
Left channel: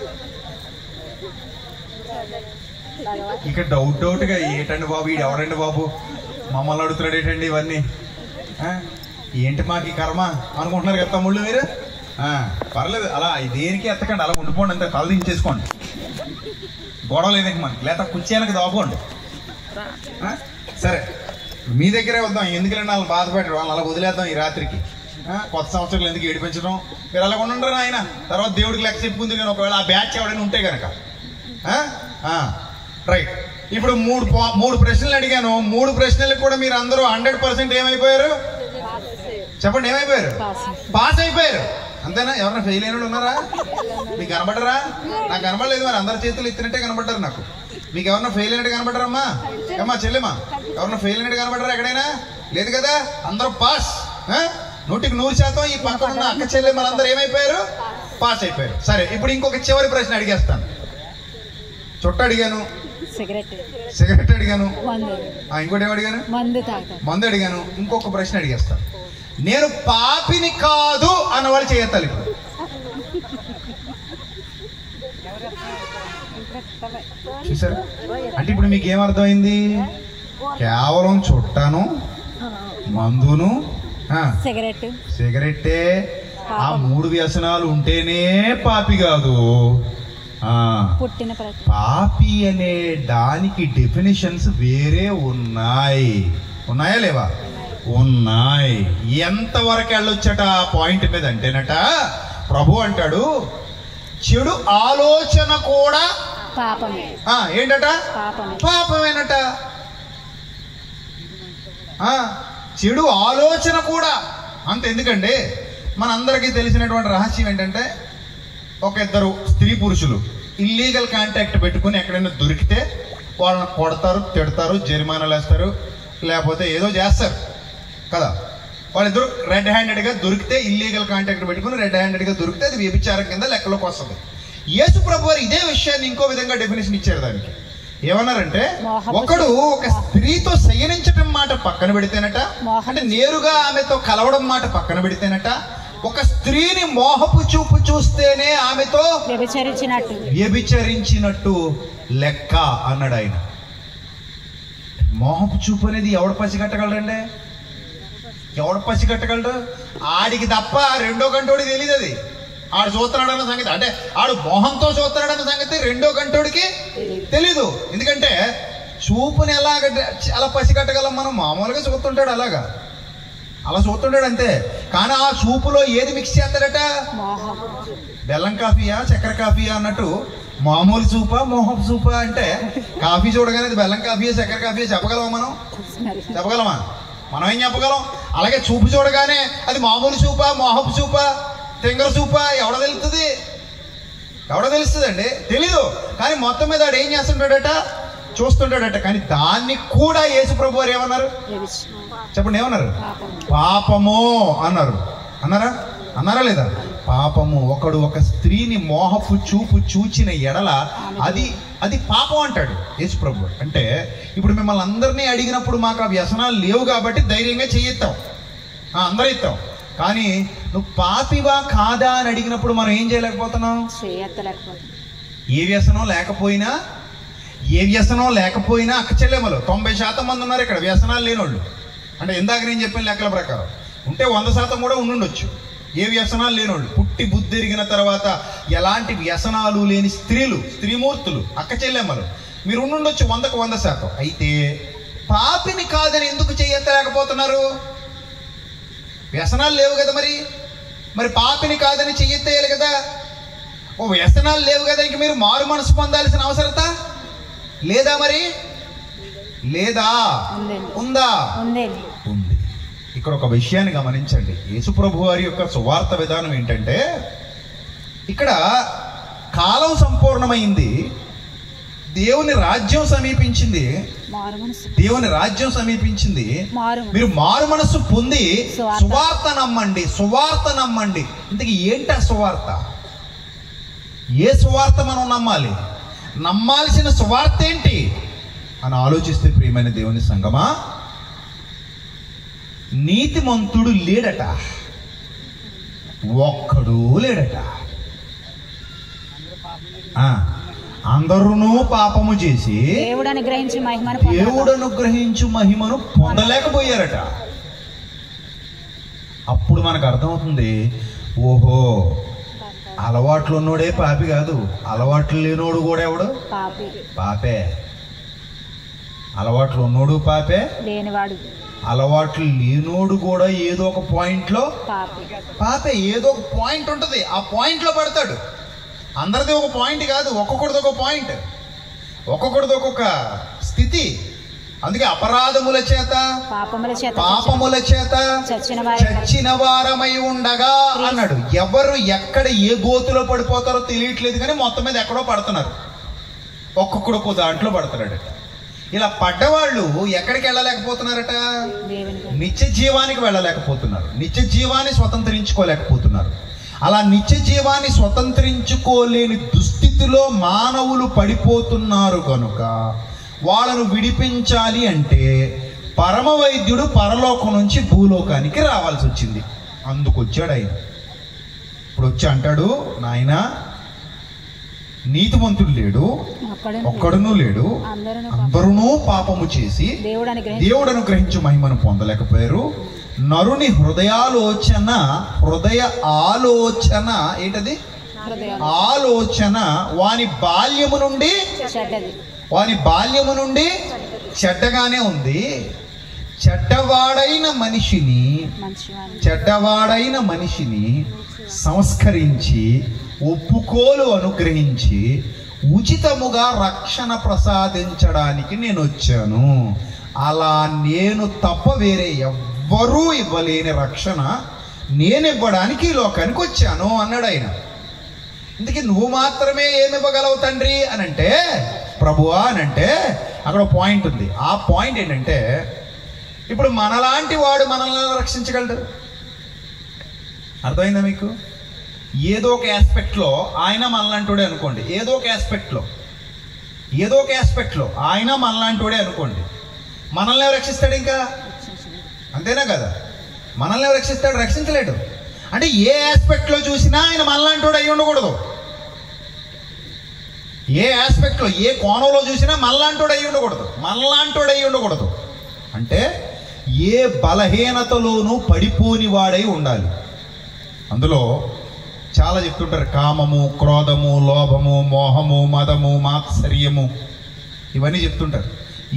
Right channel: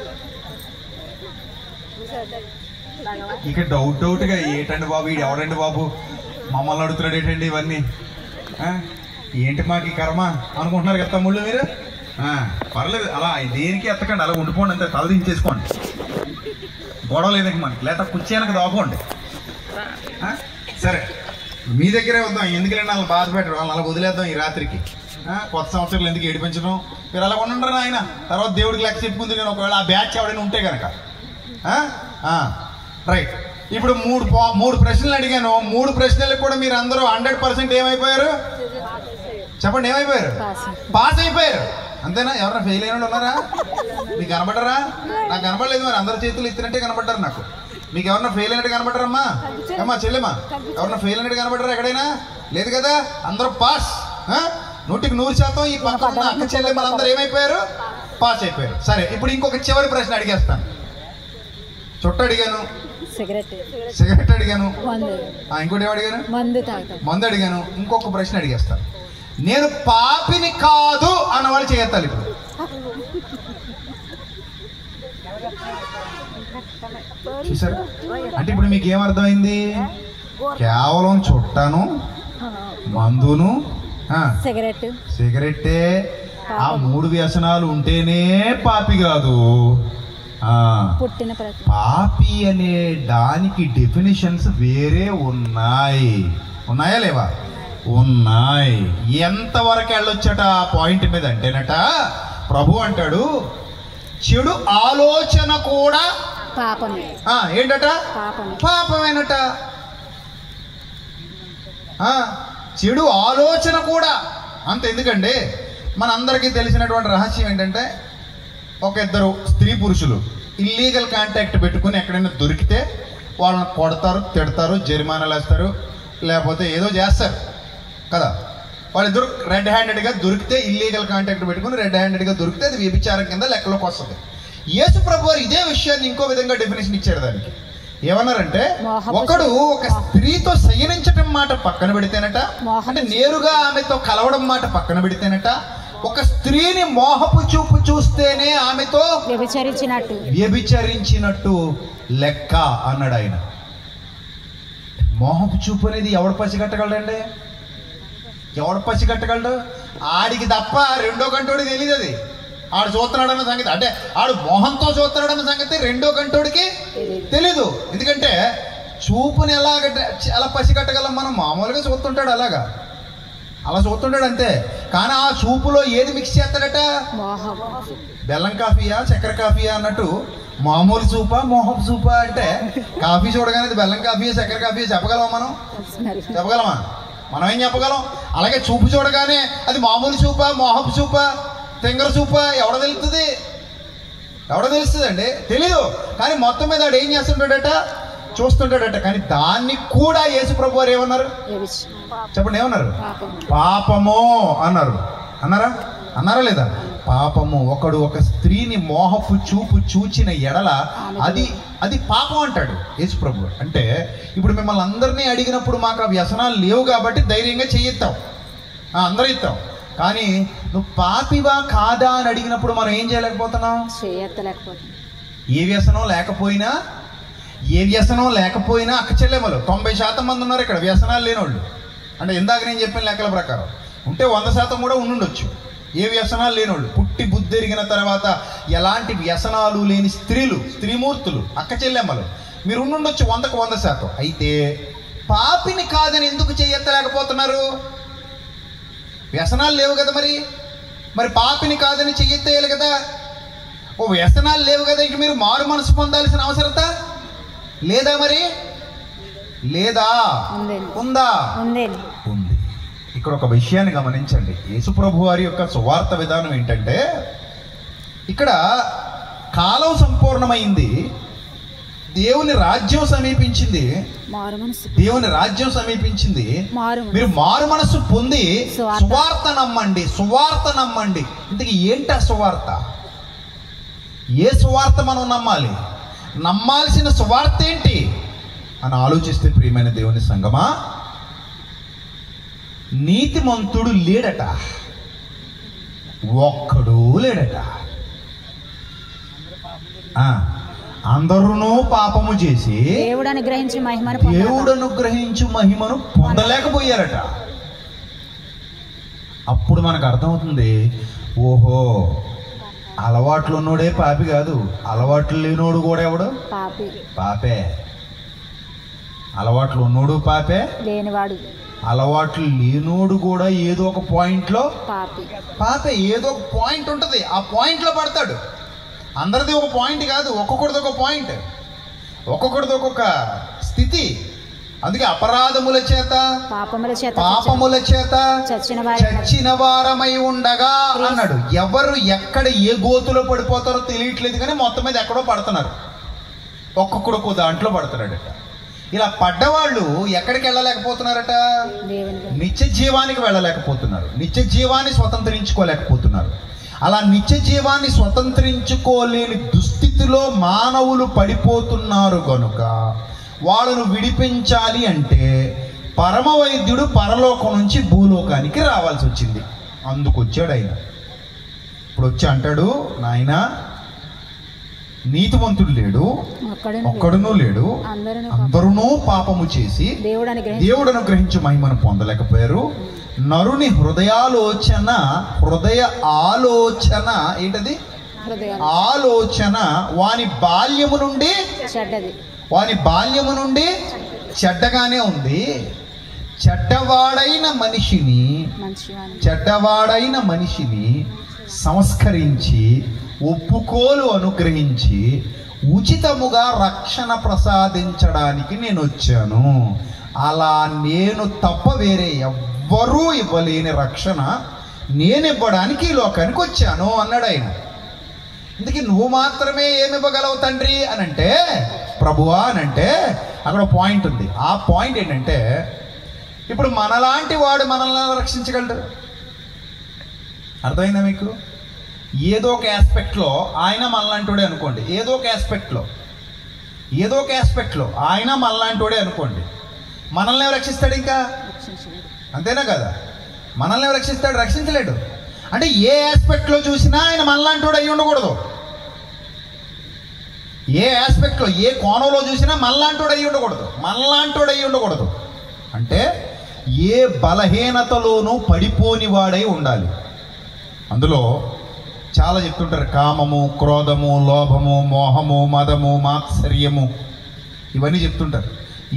ఇక డౌట్గా ఏంటండి బాబు, వీడు ఎవరండి బాబు మమ్మల్ని అడుగుతున్నాడు ఏంటండి ఇవన్నీ, ఏంటి మాకు ఈ కర్మ అనుకుంటున్నారు కదా తమ్ముళ్ళు మీరు. పర్లేదు, అలా దేనికి ఎత్తకండి, అలా ఉండిపోండి, అంతే తల దించేసుకోండి, గొడవ లేదండి మనకి, లేదా కుర్చీ వెనక దాకోండి. సరే, మీ దగ్గరే వద్దాం, ఎందుకంటే వాళ్ళు బాధ పెట్టడం, వాళ్ళని అలా వదిలేద్దాం ఈ రాత్రికి. కొత్త సంవత్సరాలు ఎందుకు ఏడిపించడం, మీరు అలా ఉండండి ఆయన. తర్వాత దేవుడికి లెక్క చెప్పుకుంది కానీ ఒకవేళ ఆ బ్యాచ్ ఎవడైనా ఉంటే కనుక. రైట్, ఇప్పుడు మూడు ప్రశ్నలు అడిగాను. 3 ప్రశ్నలకు కూడా మీరు అందరూ 100% ఏమైపోయారు చెప్పండి? ఏమైపోయారు? పాస్ అయిపోయారు, అంతేనా? ఎవరైనా ఫెయిల్ అయిన ఉన్నారా? మీకు కనబడరా? నాకు కనబడలేదు. మరి అందరి చేతులు ఎత్తినట్టే కనబడ్డారు నాకు. మీకు ఎవరన్నా ఫెయిల్ అయినట్టు కనబడ్డారమ్మా? అమ్మా చెల్లెమ్మా, ఎవరన్నా ఫెయిల్ అయినట్టు కనబడ్డారా ఎక్కడైనా? లేదు కదా, అందరూ పాస్. 100% ఈ పక్కన అక్క చెల్లెమ్మ అందరూ ఏమైపోయారు? పాస్ అయిపోయారు. సరే, ఇప్పుడు ఇంకొక చివరి ప్రశ్న అడిగేస్తాను. చుట్ట అడిగాను, సిగరెట్ అడిగాను, ఇంకోటి ఏం అడిగాను? మందు అడిగాను. ఇంకొక ప్రశ్న అడిగేస్తాను. నేను పాపిని కాదు అన్న వాళ్ళు చేయత్తాలి ఇప్పుడు. చూసారు? అంటే ఇప్పుడు మీకు ఏమర్థమైంది? కేవలం చుట్టాను, మందును, సిగరెట్టే, ఆ 3 వ్యసనాలు ఉంటేనే పాపి కాదు. పాపి అనే దానికి డెఫినేషన్స్ వేరే ఉన్నాయా లేవా? ఉన్నాయి. ఎంతవరకు వెళ్ళొచ్చట ఆ పాయింట్ మీద అంటేనట, ప్రభు అంటాడు చెడు ఆలోచన కూడా పాపమే. ఏంటట? పాపమేనట. చెడు ఆలోచన కూడా అంత. ఎందుకంటే మనందరికీ తెలిసినటువంటి రహస్యం ఏంటంటే, ఒక 2 స్త్రీ పురుషులు ఇల్లీగల్ కాంటాక్ట్ పెట్టుకుని ఎక్కడైనా దొరికితే వాళ్ళని కొడతారు, తిడతారు, జరిమానాలు వేస్తారు, లేకపోతే ఏదో చేస్తారు కదా. వాళ్ళిద్దరు రెడ్ హ్యాండెడ్గా దొరికితే, ఇల్లీగల్ కాంటాక్ట్ పెట్టుకుని రెడ్ హ్యాండెడ్గా దొరికితే అది వ్యభిచారం కింద లెక్కలోకి వస్తుంది. యేసు ప్రభు వారు ఇదే విషయాన్ని ఇంకో విధంగా డెఫినేషన్ ఇచ్చారు దానికి. ఏమన్నారంటే, ఒకడు ఒక స్త్రీతో శయనించటం మాట పక్కన పెడితేనట, అంటే నేరుగా ఆమెతో కలవడం మాట పక్కన పెడితేనట, ఒక స్త్రీని మోహపు చూపు చూస్తేనే ఆమెతో వ్యభిచరించినట్టు లెక్క అన్నాడు ఆయన. మోహపు చూపు అనేది ఎవడు పసిగట్టగలడండి? ఎవడు పసిగట్టగలడు? ఆడికి తప్ప రెండో కంటోడికి తెలియదు. అది ఆడు చూస్తున్నాడన్న సంగతి, అంటే ఆడు మోహంతో చూస్తున్నాడన్న సంగతి రెండో కంటోడికి తెలీదు. ఎందుకంటే చూపుని అలా పసిగట్టగలం మనం? మామూలుగా చూస్తుంటాడు, అలా చూస్తుంటాడు అంతే. కానీ ఆ చూపులో ఏది మిక్స్ చేస్తాడట? బెల్లం కాఫీయా, చక్కెర కాఫీయా అన్నట్టు. మామూలు చూపా, మోహపు చూపా అంటే కాఫీ చూడగానే అది బెల్లం కాఫీయా, చక్కెర కాఫీయా చెప్పగలమా మనం? చెప్పగలమా? మనం ఏం చెప్పగలం? అలాగే చూపు చూడగానే అది మామూలు చూపా, మోహపు చూపా, తెంగర చూపా ఎవడ తెలుస్తుందండి? తెలీదు. కానీ మొత్తం మీద వాడు ఏం చేస్తుంటాడట? చూస్తుంటాడట. కానీ దాన్ని కూడా యేసు ప్రభు వారు ఏమన్నారు చెప్పండి? ఏమన్నారు? పాపము అన్నారు. అన్నారా లేదా? పాపము. ఒకడు ఒక స్త్రీని మోహపు చూపు చూచిన ఎడల అది పాపం అంటాడు యేసు ప్రభు. అంటే ఇప్పుడు మిమ్మల్ని అందరినీ అడిగినప్పుడు మాకు ఆ వ్యసనాలు లేవు కాబట్టి ధైర్యంగా చెయ్యిస్తాం, అందరూ ఇస్తాం. కానీ నువ్వు పాపివా కాదా అని అడిగినప్పుడు మనం ఏం చేయలేకపోతున్నాం? ఏ వ్యసనం లేకపోయినా అక్క చెల్లెమ్మలు 90% మంది ఉన్నారు ఇక్కడ వ్యసనాలు లేనోళ్ళు. అంటే ఇందాక నేను చెప్పిన లెక్కల ప్రకారం ఉంటే 100% కూడా ఉండుండొచ్చు ఏ వ్యసనాలు లేనోళ్ళు. పుట్టి బుద్ధి ఎరిగిన తర్వాత ఎలాంటి వ్యసనాలు లేని స్త్రీమూర్తులు, అక్క చెల్లెమ్మలు మీరు ఉండుండొచ్చు 100కు 100%. అయితే పాపిని కాదని ఎందుకు చెయ్యలేకపోతున్నారు? వ్యసనాలు లేవు కదా. మరి పాపిని కాదని చెయ్యెత్తేయాలి కదా. వ్యసనాలు లేవు కదా, ఇంక మీరు మారు మనసు పొందాల్సిన అవసరత లేదా? మరి లేదా? ఉందా? ఉంది. ఇక్కడ ఒక విషయాన్ని గమనించండి. యేసు ప్రభు వారి యొక్క సువార్త విధానం ఏంటంటే, ఇక్కడ కాలం సంపూర్ణమైంది, దేవుని రాజ్యం సమీపించింది, దేవుని రాజ్యం సమీపించింది. మీరు మారు మనస్సు పొంది సువార్త నమ్మండి, సువార్త నమ్మండి. ఇంతకీ ఏంటి ఆ సువార్త? ఏ సువార్త మనం నమ్మాలి? నమ్మాల్సిన సువార్త ఏంటి అని ఆలోచిస్తే, ప్రియమైన దేవుని సంగమా, నీతిమంతుడు లేడట, ఒక్కడు లేడట. అందరూ పాపము చేసి దేవుడు అనుగ్రహించి మహిమను పొందలేకపోయారట. అప్పుడు మనకు అర్థమవుతుంది, ఓహో, అలవాట్లు ఉన్నోడే పాపి కాదు, అలవాట్లు లేనోడు కూడా ఎవడు పాపే. అలవాట్లు ఉన్నోడు పాపే, లేనివాడు అలవాట్లు లేనోడు కూడా ఏదో ఒక పాయింట్ లో పాపే. ఏదో ఒక పాయింట్ ఉంటది, ఆ పాయింట్ లో పడతాడు. అందరిది ఒక పాయింట్ కాదు, ఒక్కొక్కడిది ఒక పాయింట్, ఒక్కొక్కడిది ఒక్కొక్క స్థితి. అందుకే అపరాధముల చేత పాపముల చేత చచ్చిన వారమై ఉండగా అన్నాడు. ఎవరు ఎక్కడ ఏ గోతులో పడిపోతారో తెలియట్లేదు, కానీ మొత్తం మీద ఎక్కడో పడుతున్నారు, ఒక్కొక్కడు దాంట్లో పడుతున్నాడు. ఇలా పడ్డవాళ్ళు ఎక్కడికి వెళ్ళలేకపోతున్నారట? నిత్య జీవానికి వెళ్ళలేకపోతున్నారు, నిత్య జీవాన్ని స్వతంత్రించుకోలేకపోతున్నారు. అలా నిత్య జీవాన్ని స్వతంత్రించుకోలేని దుస్థితిలో మానవులు పడిపోతున్నారు కనుక వాళ్ళను విడిపించాలి అంటే పరమ వైద్యుడు పరలోకం నుంచి భూలోకానికి రావాల్సి వచ్చింది. అందుకొచ్చాడు ఆయన. ఇప్పుడు వచ్చి అంటాడు, నాయన నీతిమంతుడు లేడు, ఒక్కడునూ లేడు, అందరూ పాపము చేసి దేవుడు అనుగ్రహించి మహిమను పొందలేకపోయారు. నరుని హృదయ ఆలోచన ఏంటది? ఆలోచన వాని బాల్యము నుండి చెడ్డగానే ఉంది. చెడ్డవాడైన మనిషిని సంస్కరించి ఒప్పుకోలు అనుగ్రహించి ఉచితముగా రక్షణ ప్రసాదించడానికి నేను వచ్చాను. అలా నేను తప్ప వేరే ఎవ్వరూ ఇవ్వలేని రక్షణ నేను ఇవ్వడానికి ఈ లోకానికి వచ్చాను అన్నాడు ఆయన. ఇందుకే నువ్వు మాత్రమే ఏమి ఇవ్వగలవు తండ్రి అని అంటే, ప్రభువా అని అంటే, అక్కడ పాయింట్ ఉంది. ఆ పాయింట్ ఏంటంటే, ఇప్పుడు మనలాంటి వాడు మనల్ని రక్షించగలడు. అర్థమైందా మీకు? ఏదో ఒక ఆస్పెక్ట్లో ఆయన మనలాంటివాడే అనుకోండి, ఏదో ఒక ఆస్పెక్ట్లో ఆయన మనలాంటివాడే అనుకోండి, మనల్ని రక్షిస్తాడు? ఇంకా అంతేనా కదా? మనల్ని రక్షిస్తాడు? రక్షించలేడు. అంటే ఏ ఆస్పెక్ట్లో చూసినా ఆయన మనలాంటివాడు అయి ఉండకూడదు. ఏ ఆస్పెక్ట్లో, ఏ కోణంలో చూసినా మనలాంటివాడు అయి ఉండకూడదు. అంటే ఏ బలహీనతలోనూ పడిపోని వాడై ఉండాలి. అందులో చాలా చెప్తుంటారు, కామము, క్రోధము, లోభము, మోహము, మదము, మాత్సర్యము, ఇవన్నీ చెప్తుంటారు.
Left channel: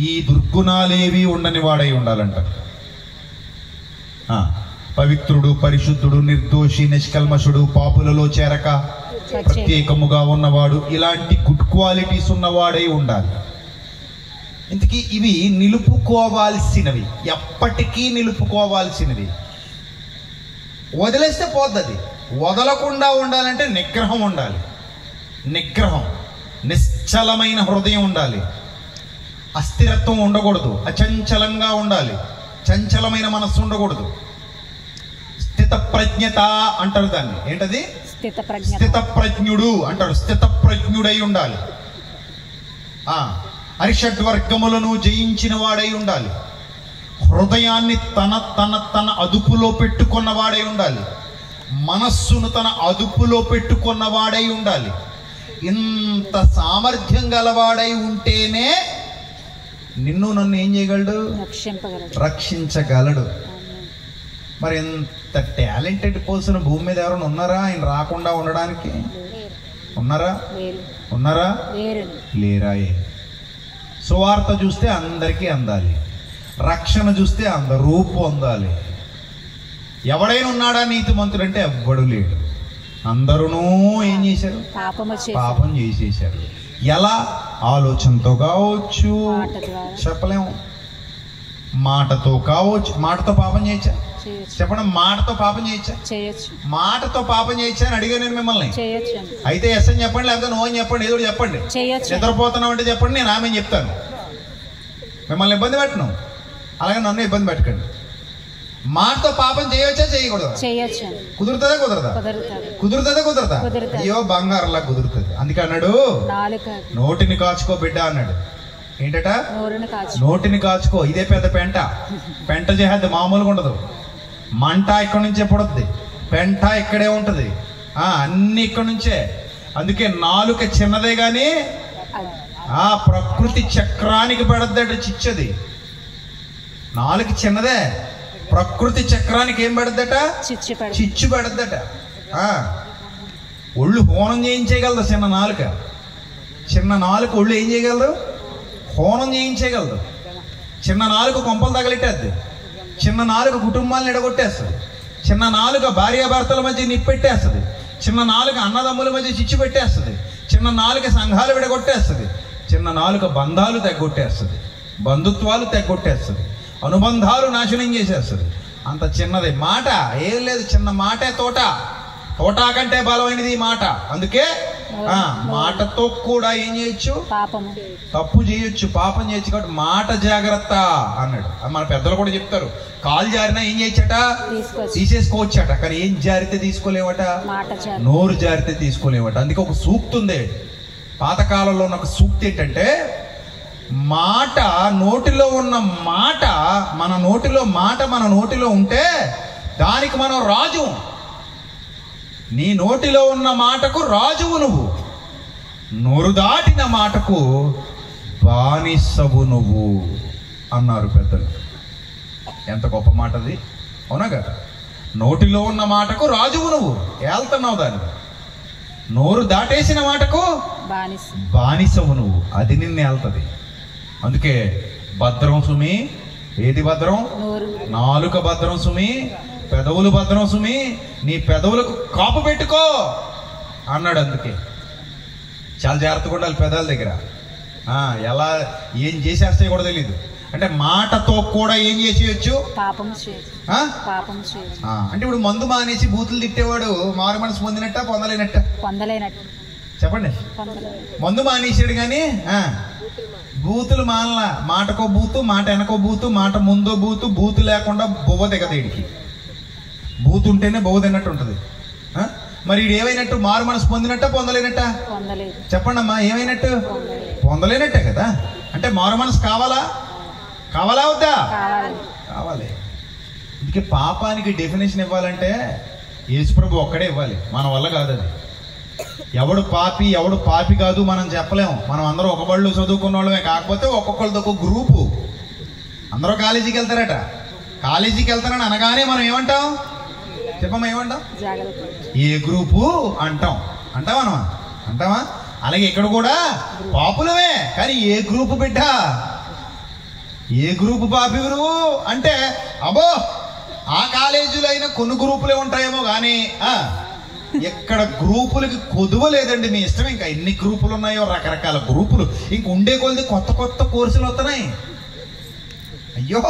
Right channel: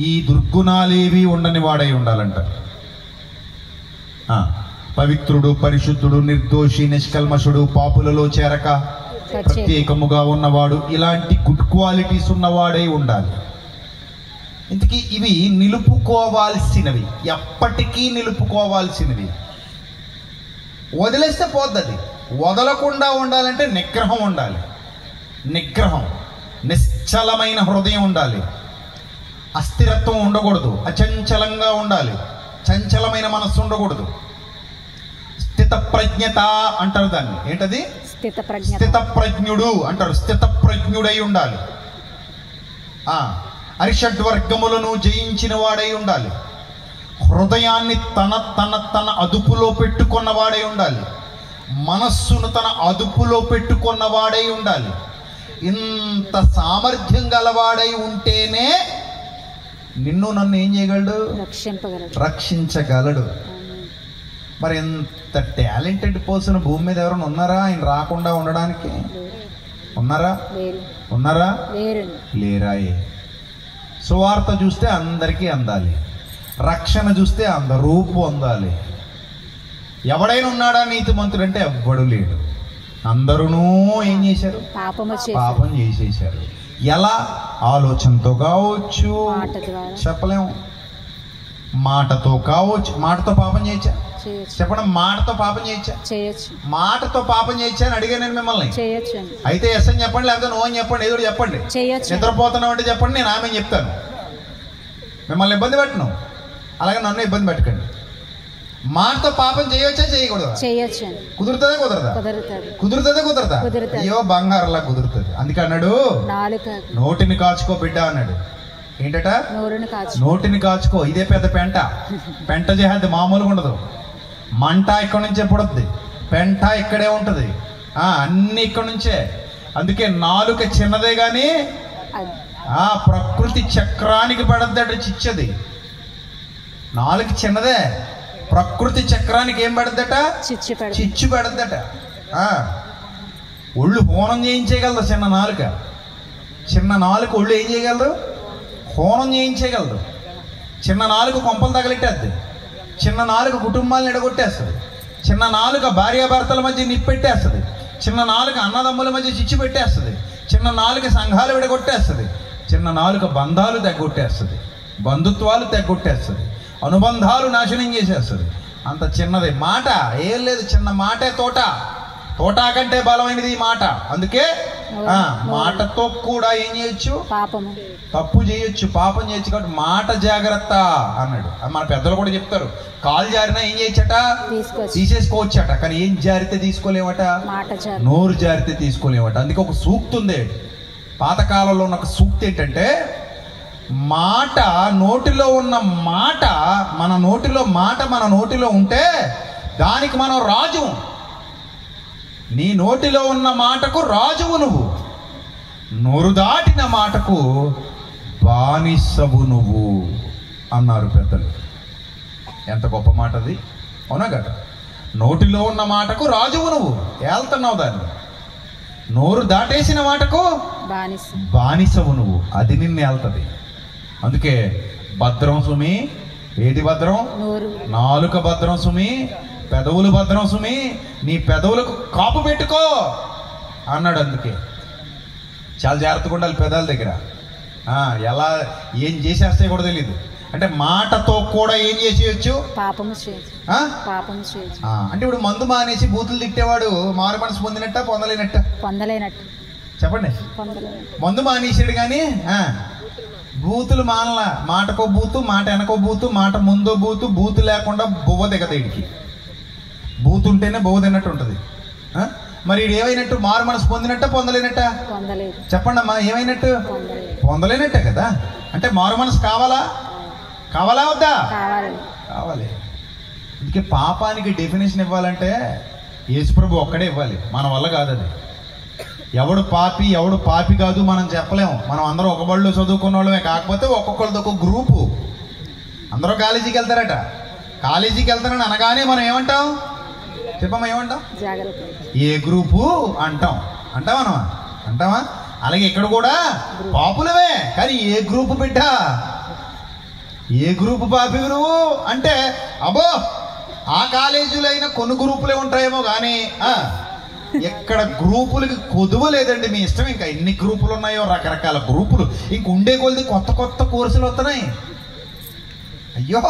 ఈ దుర్గుణాలేవి ఉండని వాడై ఉండాలంట. పవిత్రుడు, పరిశుద్ధుడు, నిర్దోషి, నిష్కల్మషుడు, పాపులలో చేరక ప్రత్యేకముగా ఉన్నవాడు, ఇలాంటి గుడ్ క్వాలిటీస్ ఉన్నవాడై ఉండాలి. ఇంతకీ ఇవి నిలుపుకోవాల్సినవి, ఎప్పటికీ నిలుపుకోవాల్సినవి. వదిలేస్తే పోద్దది. వదలకుండా ఉండాలంటే నిగ్రహం ఉండాలి. నిశ్చలమైన హృదయం ఉండాలి. అస్థిరత్వం ఉండకూడదు. అచంచలంగా ఉండాలి. చంచలమైన మనస్సు ఉండకూడదు. స్థిత ప్రజ్ఞత అంటారు దాన్ని. ఏంటది? స్థిత ప్రజ్ఞుడు అంటారు. స్థిత ప్రజ్ఞుడై ఉండాలి. అరిషడ్వర్గములను జయించిన వాడై ఉండాలి. హృదయాన్ని తన అదుపులో పెట్టుకున్నవాడై ఉండాలి. మనస్సును తన అదుపులో పెట్టుకున్నవాడై ఉండాలి. ఇంత సామర్థ్యం గలవాడై ఉంటేనే నిన్ను నన్ను ఏం చేయగలడు? రక్షించగలడు. మరి ఇంత టాలెంటెడ్ పర్సన్ భూమి మీద ఎవరైనా ఉన్నారా ఆయన రాకుండా ఉండడానికి? ఉన్నారా? లేరాయే. సువార్త చూస్తే అందరికీ అందాలి, రక్షణ చూస్తే అందరూ పొందాలి. ఎవడైనా ఉన్నాడా నీతిమంతుడు అంటే ఎవ్వడు లేడు. అందరూ ఏం చేశారు? పాపం చేసేశారు. ఎలా ఆలోచనతో కావచ్చు, చెప్పలేము. మాటతో కావచ్చు. మాటతో పాపం చేయొచ్చా? చెప్పడం. మాటతో పాపం చేయొచ్చా? మాటతో పాపం చేయొచ్చా అని అడిగాను నేను మిమ్మల్ని. అయితే ఎస్ అని చెప్పండి, లేకపోతే నో అని చెప్పండి, ఏదో చెప్పండి. నిద్రపోతున్నాం అంటే చెప్పండి, నేను ఆమె చెప్తాను. మిమ్మల్ని ఇబ్బంది పెట్టను, అలాగే నన్ను ఇబ్బంది పెట్టకండి. మాటతో పాపం చేయొచ్చా? చేయకూడదు? కుదురుతుందా? కుదరదా? అయ్యో బంగారులా కుదురుతుంది. అందుకే అన్నాడు, నోటిని కాచుకో బిడ్డ అన్నాడు. ఏంటట? నోటిని కాచుకో. ఇదే పెద్ద పెంట చేసేది మామూలుగా ఉండదు. మంట ఇక్కడ నుంచే పుడుద్ది, పెంట ఇక్కడే ఉంటది, అన్ని ఇక్కడ నుంచే. అందుకే నాలుక చిన్నదే గాని ఆ ప్రకృతి చక్రానికి పెడద్దట చిచ్చది. నాలుక చిన్నదే, ప్రకృతి చక్రానికి ఏం పెడద్దట? చిచ్చు పెడద్దట. ఒళ్ళు హోనం చేయించేయగలదు చిన్న నాలుక. ఒళ్ళు ఏం చేయగలదు? హోనం చేయించేయగలదు. చిన్న నాలుక కొంపలు తగలెట్టేద్ది. చిన్న నాలుక కుటుంబాలను ఎడగొట్టేస్తుంది. చిన్న నాలుక భార్యాభర్తల మధ్య నిప్పెట్టేస్తుంది. చిన్న నాలుక అన్నదమ్ముల మధ్య చిచ్చు పెట్టేస్తుంది. చిన్న నాలుక సంఘాలు విడగొట్టేస్తుంది. చిన్న నాలుక బంధాలు తెగొట్టేస్తుంది. బంధుత్వాలు తెగొట్టేస్తుంది. అనుబంధాలు నాశనం చేసేస్తుంది. అంత చిన్నది మాట. ఏం లేదు, చిన్న మాటే తోట. తోటా కంటే బలమైనది ఈ మాట. అందుకే మాటతో కూడా ఏం చేయొచ్చు? తప్పు చేయొచ్చు, పాపం చేయొచ్చు. కాబట్టి మాట జాగ్రత్త అన్నాడు. మన పెద్దలు కూడా చెప్తారు, కాలు జారినా ఏం చేయొచ్చట? తీసేసుకోవచ్చట. కానీ ఏం జారితే తీసుకోలేమట? నోరు జారితే తీసుకోలేమట. అందుకే ఒక సూక్తి ఉంది పాతకాలంలో ఉన్న. ఒక సూక్తి ఏంటంటే, మాట నోటిలో ఉన్న మాట మన నోటిలో ఉంటే దానికి మనం రాజు. నీ నోటిలో ఉన్న మాటకు రాజువు నువ్వు, నోరు దాటిన మాటకు బానిసవు నువ్వు అన్నారు పెద్దలు. ఎంత గొప్ప మాట అది, అవునా కదా? నోటిలో ఉన్న మాటకు రాజువు నువ్వు, ఏళ్తున్నావు దాన్ని. నోరు దాటేసిన మాటకు బానిసవు నువ్వు, అది నిన్ను ఏళ్తుంది. అందుకే భద్రం సుమి. ఏది భద్రం? నాలుక భద్రం సుమి, పెదవులు భద్రం సుమి. నీ పెదవులకు కాపు పెట్టుకో అన్నాడు. అందుకే చాలా జాగ్రత్తగా ఉండాలి పెదాల దగ్గర. ఎలా ఏం చేసేస్తే కూడా తెలియదు. అంటే మాటతో కూడా ఏం చేసేయచ్చు? అంటే ఇప్పుడు మందు మానేసి బూతులు తిట్టేవాడు మారు మనసు పొందినట్ట పొందలేనట్ట? చెప్పండి. మందు మానేసాడు కానీ బూతులు మానలా. మాటకో బూతు, మాట వెనకో బూతు, మాట ముందో బూతు. బూతు లేకుండా బొవ్వ దిగదు వీడికి. బూతు ఉంటేనే బొవ్వ తిన్నట్టు ఉంటుంది. మరి వీడు ఏమైనట్టు? మారు మనసు పొందినట్ట పొందలేనట్ట? చెప్పండి అమ్మా, ఏమైనట్టు? పొందలేనట్టే కదా. అంటే మారు మనసు కావాలా వద్దా? కావాలి. అందుకే పాపానికి డెఫినేషన్ ఇవ్వాలంటే యేసుప్రభు ఒక్కడే ఇవ్వాలి, మన వల్ల కాదు అది. ఎవడు పాపి కాదు మనం చెప్పలేము. మనం అందరూ ఒక బళ్ళు చదువుకున్న వాళ్ళమే. కాకపోతే ఒక్కొక్కళ్ళది ఒక గ్రూపు. అందరూ కాలేజీకి వెళ్తారట. కాలేజీకి వెళ్తారని అనగానే మనం ఏమంటాం? చెప్పమ్మా, ఏమంటాం? ఏ గ్రూపు అంటాం. అంటావా? అలాగే ఇక్కడ కూడా పాపులమే, కానీ ఏ గ్రూపు బిడ్డ? ఏ గ్రూపు పాపి నువ్వు అంటే, అబ్బో ఆ కాలేజీలో అయినా కొన్ని గ్రూపులే ఉంటాయేమో కానీ ఎక్కడ గ్రూపులకి కొదువ లేదండి. మీ ఇష్టం. ఇంకా ఎన్ని గ్రూపులు ఉన్నాయో, రకరకాల గ్రూపులు. ఇంక ఉండే కొద్ది కొత్త కోర్సులు వస్తున్నాయి. అయ్యో,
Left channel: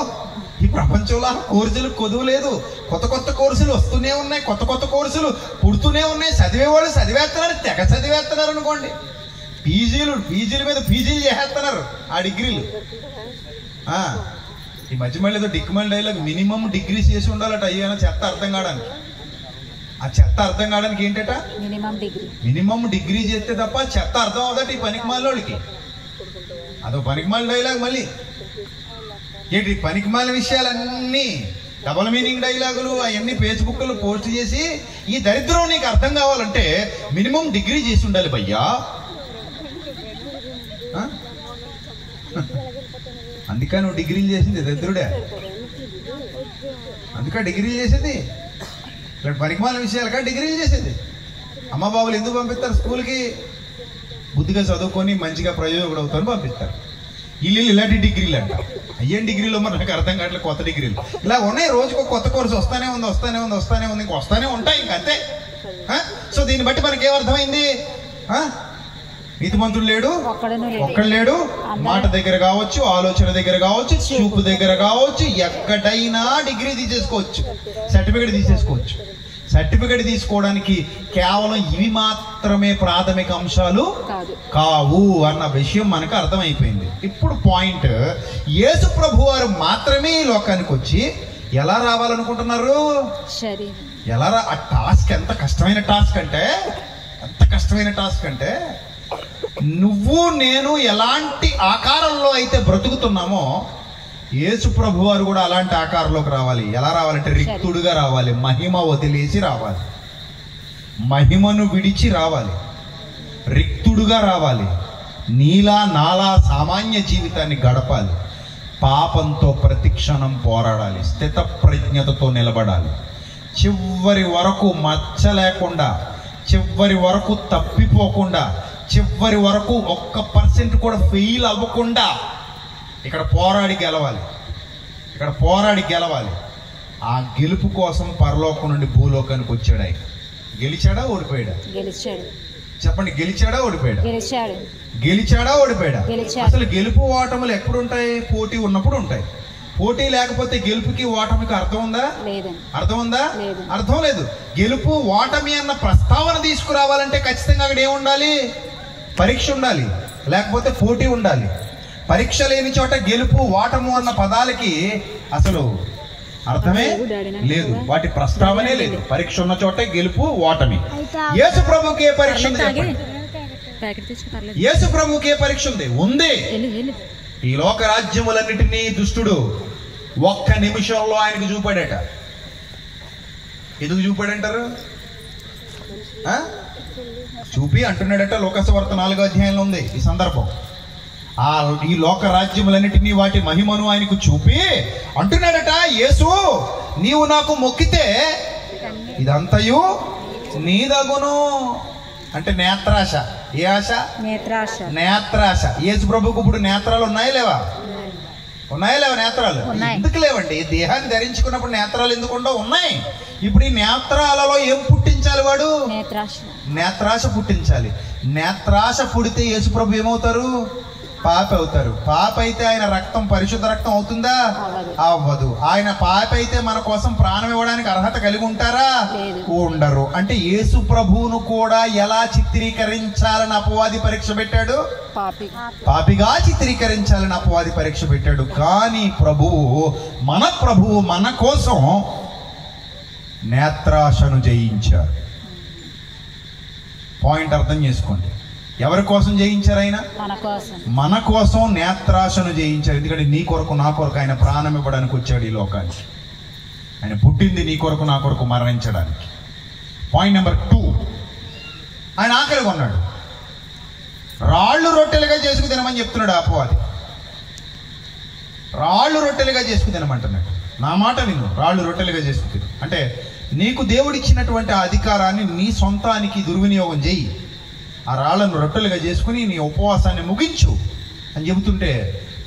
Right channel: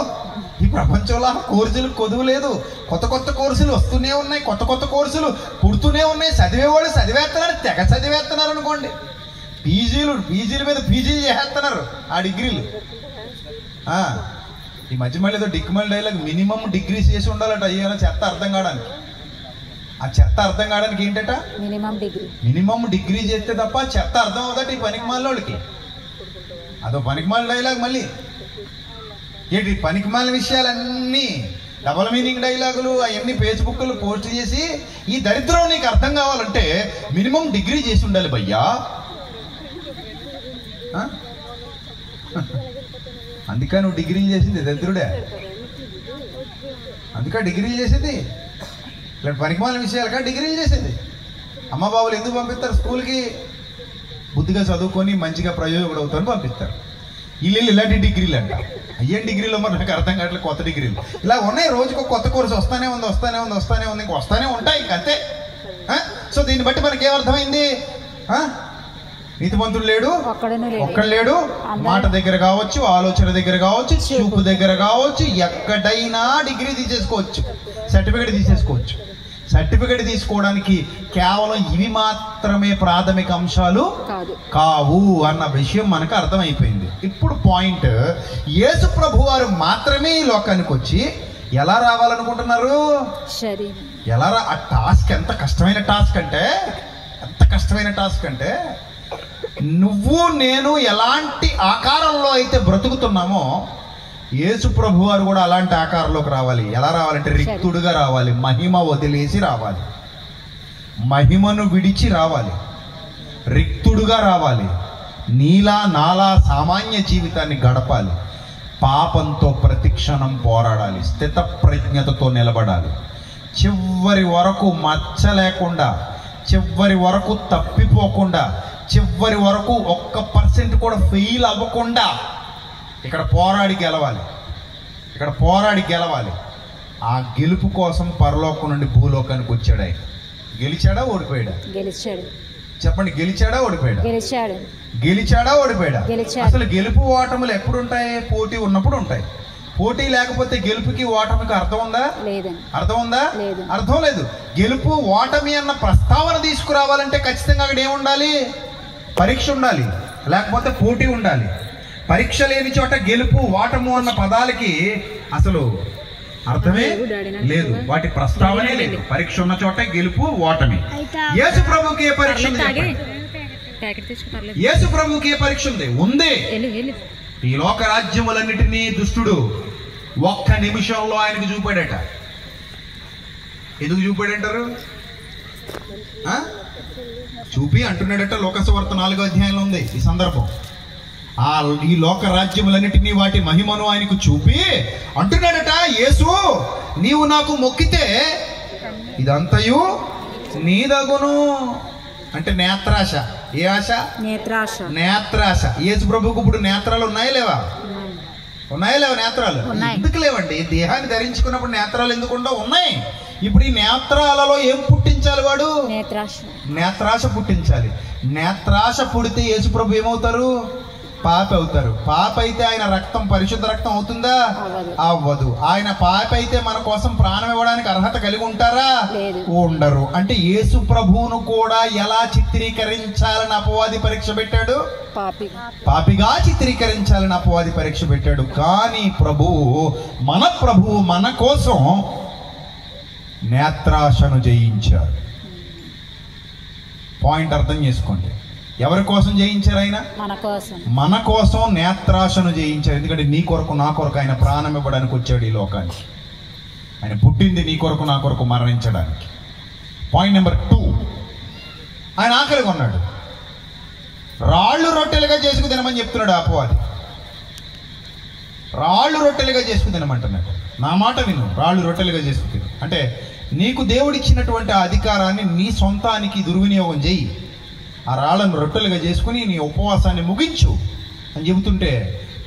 ఈ ప్రపంచంలో కోర్సులు కొదువు లేదు. కొత్త కోర్సులు వస్తూనే ఉన్నాయి. కొత్త కోర్సులు పుడుతూనే ఉన్నాయి. చదివేవాళ్ళు చదివేస్తున్నారు, తెగ చదివేస్తున్నారు అనుకోండి. పీజీల మీద పీజీలు చేస్తున్నారు ఆ డిగ్రీలు. ఈ మధ్య మళ్ళీ ఏదో డిక్మల్ డైలాగ్, మినిమం డిగ్రీస్ చేసి ఉండాలట. అయ్యో చెత్త అర్థం కావడానికి. ఆ చెత్త అర్థం కావడానికి ఏంటట? మినిమం డిగ్రీ చేస్తే తప్ప చెత్త అర్థం అవుదట ఈ పనికిమాలోడికి. అదో పనికిమాల డైలాగ్. మళ్ళీ ఏంటి పనికిమాల విషయాలన్నీ డబల్ మీనింగ్ డైలాగులు అవన్నీ ఫేస్బుక్లో పోస్ట్ చేసి, ఈ దరిద్రం నీకు అర్థం కావాలంటే మినిమం డిగ్రీ చేసి ఉండాలి భయ్యా. అందుకే నువ్వు డిగ్రీలు చేసింది దరిద్రుడే. అందుకే డిగ్రీలు చేసేది. ఇలాంటి పనికిమాల విషయాలుగా డిగ్రీలు చేసేది. అమ్మ బాబులు ఎందుకు పంపిస్తారు స్కూల్కి? బుద్ధిగా చదువుకొని మంచిగా ప్రయోజకుడు అవుతారని పంపిస్తారు. వీళ్ళు ఇలాంటి డిగ్రీలు అంట. అయ్యేం డిగ్రీలు మరి నాకు అర్థం కావట్లేదు. కొత్త డిగ్రీలు ఇలా ఉన్నాయి. రోజుకు కొత్త కోర్సు వస్తానే ఉంది. ఇంకా వస్తానే ఉంటాయి. ఇంకా అంతే. సో దీన్ని బట్టి మనకి ఏమర్థమైంది? నీతిమంతుడు లేడు, ఒక్కడు లేడు. మాట దగ్గర కావచ్చు, ఆలోచన దగ్గర కావచ్చు, చూపు దగ్గర కావచ్చు, ఎక్కడైనా డిగ్రీ తీసేసుకోవచ్చు, సర్టిఫికేట్ తీసుకోవడానికి కేవలం ఇవి మాత్రమే ప్రాథమిక అంశాలు కావు అన్న విషయం మనకు అర్థమైపోయింది. ఇప్పుడు పాయింట్, యేసు ప్రభు వారు మాత్రమే ఈ లోకానికి వచ్చి ఎలా రావాలనుకుంటున్నారు? ఎలా ఆ టాస్క్ ఎంత కష్టమైన టాస్క్ అంటే నువ్వు నేను ఎలాంటి ఆకారంలో అయితే బ్రతుకుతున్నామో యేసు ప్రభు వారు కూడా అలాంటి ఆకారంలోకి రావాలి. ఎలా రావాలంటే రిక్తుడుగా రావాలి, మహిమ వదిలేసి రావాలి, మహిమను విడిచి రావాలి, రిక్తుడుగా రావాలి, నీలా నాలా సామాన్య జీవితాన్ని గడపాలి, పాపంతో ప్రతిక్షణం పోరాడాలి, స్థిత ప్రజ్ఞతతో నిలబడాలి, చివరి వరకు మచ్చ లేకుండా, చివరి వరకు తప్పిపోకుండా, చివరి వరకు 1% కూడా ఫెయిల్ అవ్వకుండా ఇక్కడ పోరాడి గెలవాలి. ఆ గెలుపు కోసం పరలోకం నుండి భూలోకానికి వచ్చాడు ఆయన. గెలిచాడా ఓడిపోయాడా? చెప్పండి, గెలిచాడా ఓడిపోయాడా? అసలు గెలుపు ఓటములు ఎప్పుడుంటాయి? పోటీ ఉన్నప్పుడు ఉంటాయి. పోటీ లేకపోతే గెలుపుకి ఓటమికి అర్థం ఉందా? అర్థం లేదు. గెలుపు ఓటమి అన్న ప్రస్తావన తీసుకురావాలంటే ఖచ్చితంగా అక్కడ ఏముండాలి? పరీక్ష ఉండాలి, లేకపోతే పోటీ ఉండాలి. పరీక్ష లేని చోట గెలుపు ఓటము అన్న పదాలకి అసలు అర్థమే లేదు, వాటి ప్రస్తావనే లేదు. పరీక్ష ఉన్న చోట గెలుపు ఓటమి. యేసు ప్రభుకి ఏ పరీక్ష ఉంది? యేసు ప్రభుకి ఏ పరీక్ష ఉంది? ఈ లోక రాజ్యములన్నిటినీ దుష్టుడు 1 నిమిషంలో ఆయనకు చూపాడట. ఎందుకు చూపాడంటారు? చూపి అంటున్నాడట. లోకసువార్త 4వ అధ్యాయంలో ఉంది ఈ సందర్భం. ఈ లోక రాజ్యములన్నిటినీ వాటి మహిమను ఆయనకు చూపి అంటున్నాడట, యేసు నీవు నాకు మొక్కితే ఇదంతయు నీదగును. అంటే నేత్రాశ. ఏ ఆశ? నేత్రాశ. యేసు ప్రభుకు ఇప్పుడు నేత్రాలు ఉన్నాయా లేవా? నేత్రాలు ఎందుకు లేవండి? దేహాన్ని ధరించుకున్నప్పుడు నేత్రాలు ఎందుకుండా ఉన్నాయి. ఇప్పుడు ఈ నేత్రాలలో ఏం పుట్టించాలి? వాడు నేత్రాశ పుట్టించాలి. నేత్రాశ పుడితే యేసు ప్రభు ఏమవుతారు? పాప అవుతారు. పాప అయితే ఆయన రక్తం పరిశుద్ధ రక్తం అవుతుందా? అవ్వదు. ఆయన పాప అయితే మన కోసం ప్రాణం ఇవ్వడానికి అర్హత కలిగి ఉంటారా? ఉండరు. అంటే యేసు ప్రభువును కూడా ఎలా చిత్రీకరించాలని అపవాది పరీక్ష పెట్టాడు? పాపిగా చిత్రీకరించాలని అపవాది పరీక్ష పెట్టాడు. కానీ మన ప్రభువు మన కోసం నేత్రాశను జయించారు. పాయింట్ అర్థం చేసుకోండి. ఎవరి కోసం జయించారు? ఆయన మన కోసం నేత్రాశను జయించారు. ఎందుకంటే నీ కొరకు నా కొరకు ఆయన ప్రాణం ఇవ్వడానికి వచ్చాడు ఈ లోకానికి. ఆయన పుట్టింది నీ కొరకు నా కొరకు మరణించడానికి. పాయింట్ నెంబర్ 2, ఆయన ఆకలిగా ఉన్నాడు. రాళ్ళు రొట్టెలుగా చేసుకు తినమని చెప్తున్నాడు అపవాది. రాళ్ళు రొట్టెలుగా చేసుకు తినమంటున్నాడు. నా మాట విను, రాళ్ళు రొట్టెలుగా చేసుకు తిను అంటే నీకు దేవుడిచ్చినటువంటి ఆ అధికారాన్ని నీ సొంతానికి దుర్వినియోగం చేయి. ఆ రాళ్లను రొట్టెలుగా చేసుకుని నీ ఉపవాసాన్ని ముగించు అని చెబుతుంటే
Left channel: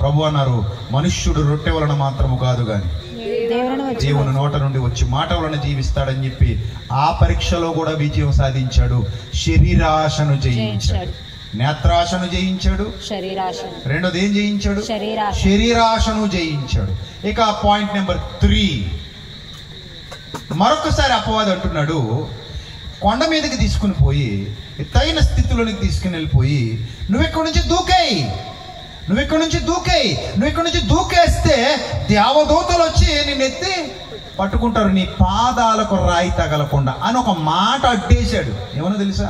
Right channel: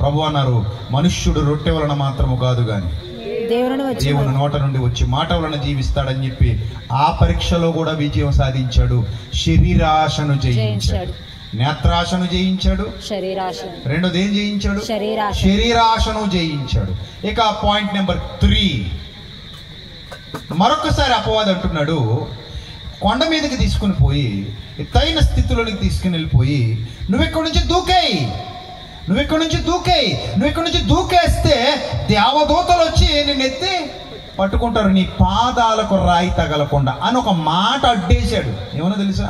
ప్రభు అన్నారు, మనుష్యుడు రొట్టె వలన మాత్రము కాదు గాని దేవుని నోట నుండి వచ్చి మాట వలన జీవిస్తాడని చెప్పి ఆ పరీక్షలో కూడా విజయం సాధించాడు. శరీరాశను జయించాడు, నేత్రాశను జయించాడు, రెండోది ఏం జయించాడు? శరీరాశను జయించాడు. ఇక పాయింట్ నెంబర్ 3, మరొకసారి అపవాది అంటున్నాడు, కొండ మీదకి తీసుకుని పోయి ఎత్తైన స్థితిలోనికి తీసుకుని వెళ్ళిపోయి నువ్వు ఇక్కడి నుంచి దూకేస్తే దేవదూతలు వచ్చి నిన్ను ఎత్తి పట్టుకుంటారు, నీ పాదాలకు రాయి తగలకుండా అని ఒక మాట అడ్డేశాడు. ఏమన్నా తెలుసా?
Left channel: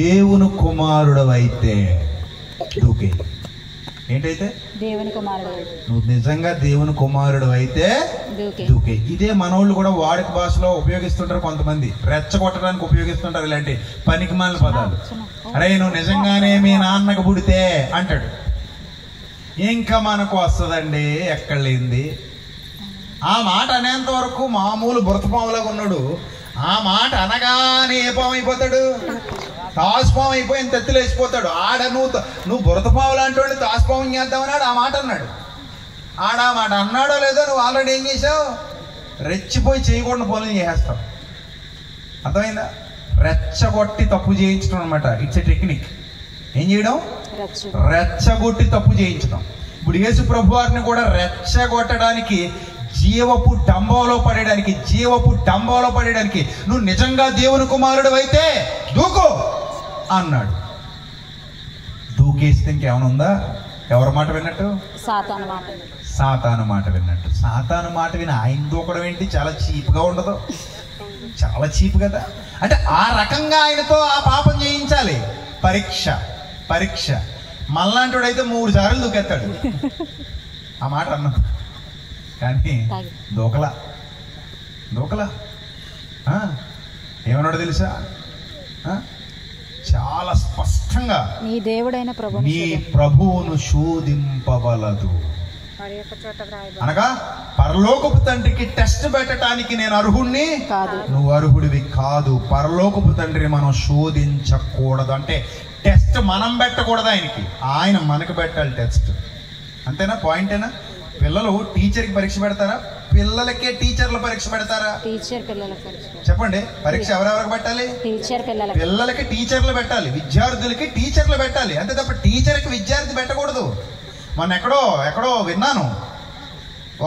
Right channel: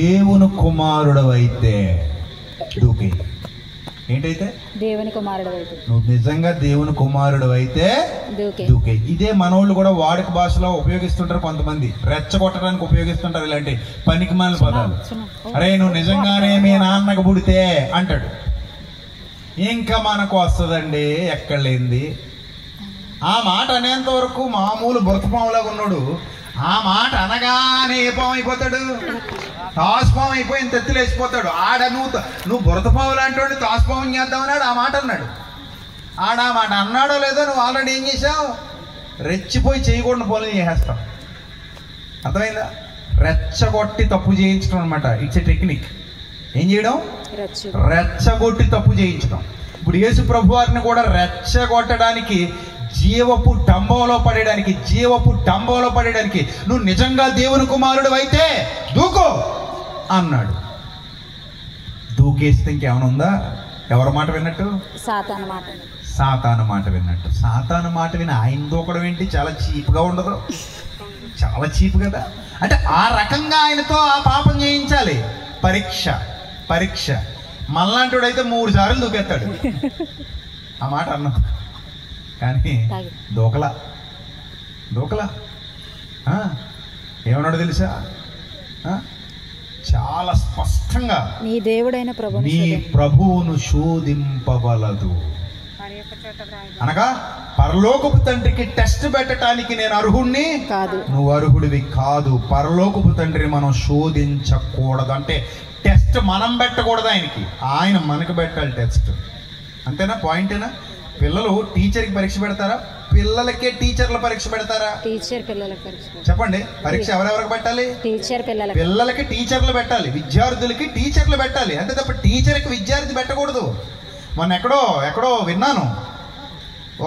దేవుని కుమారుడు అయితే దూకే. ఏంటైతే? దేవుని కుమారుడు అయితే. నువ్వు నిజంగా దేవుని కుమారుడు అయితే దూకే. ఇదే మనోళ్ళు కూడా వాడుక భాషలో ఉపయోగిస్తుంటారు. కొంతమంది రెచ్చగొట్టడానికి ఉపయోగిస్తుంటారు ఇలాంటి పనికిమాలిన పదాలు. అరే నువ్వు నిజంగానే మీ నాన్నకు పుడితే అంటాడు. ఇంకా మనకు వస్తుందండి ఎక్కడ లేనిది. ఆ మాట అనేంత వరకు మామూలు బురతపాములాగా ఉన్నాడు. ఆ మాట అనగానే ఏ పాము అయిపోతాడు? తాసుపాము అయిపోయి ఇంత ఎత్తులు వేసిపోతాడు. నువ్వు బురతపాము లాంటి వాడు తాసుపాము చేద్దామన్నాడు. ఆ మాట అన్నాడు. ఆ మాట అన్నాడో లేదో నువ్వు ఆల్రెడీ ఏం చేసావు? రెచ్చిపోయి చేయకూడని పనులు చేసేస్తావు. అర్థమైందా? రెచ్చగొట్టి తప్పు చేయించడం అనమాట. It's a technique. ఏం చేయడం? రెచ్చగొట్టి తప్పు చేయించడం. ఇప్పుడు యేసు ప్రభు వారిని కూడా రెచ్చగొట్టడానికి, జీవపు డంబంలో పడేయడానికి నువ్వు నిజంగా దేవుని కుమారుడు అయితే దూకు అన్నాడు. దూకేస్తే ఇంకేమైనా ఉందా? ఎవరి మాట విన్నట్టు? సాతాను మాట విన్నట్టు. సాతాను మాట విని ఆయన దూకడం ఏంటి? చాలా చీప్గా ఉండదు? చాలా చీప్ కదా. అంటే ఆ రకంగా ఆయనతో ఆ పాపం చేయించాలి. పరీక్ష మళ్ళాంటి అయితే 3 సార్లు దూకేస్తాడు. ఆ మాట అన్నా కానీ దూకలా. ఏమన్నాడు తెలుసా? చాలా స్పష్టంగా నీ దేవుడైన ప్రభువును శోధింపవలదు అనగా, పరలోకపు తండ్రికి టెస్ట్ పెట్టడానికి నేను అర్హుణ్ణి కాదు, నువ్వు అర్హుడివి కాదు. పరలోకపు తండ్రిని మనం శోధించకూడదు. అంటే టెస్ట్ మనం పెట్టకూడదు ఆయనకి, ఆయన మనకు పెట్టాలి టెస్ట్. అంతేనా? పాయింటేనా? పిల్లలు టీచర్కి పరీక్ష పెడతారా? పిల్లలకే టీచర్ల పరీక్ష పెడతారా? చెప్పండి. పరీక్ష ఎవరెవరికి పెట్టాలి? పిల్లలకి టీచర్లు పెట్టాలి, విద్యార్థులకి టీచర్లు పెట్టాలి. అంతే తప్ప టీచర్కి విద్యార్థి పెట్టకూడదు. మొన్న ఎక్కడో విన్నాను,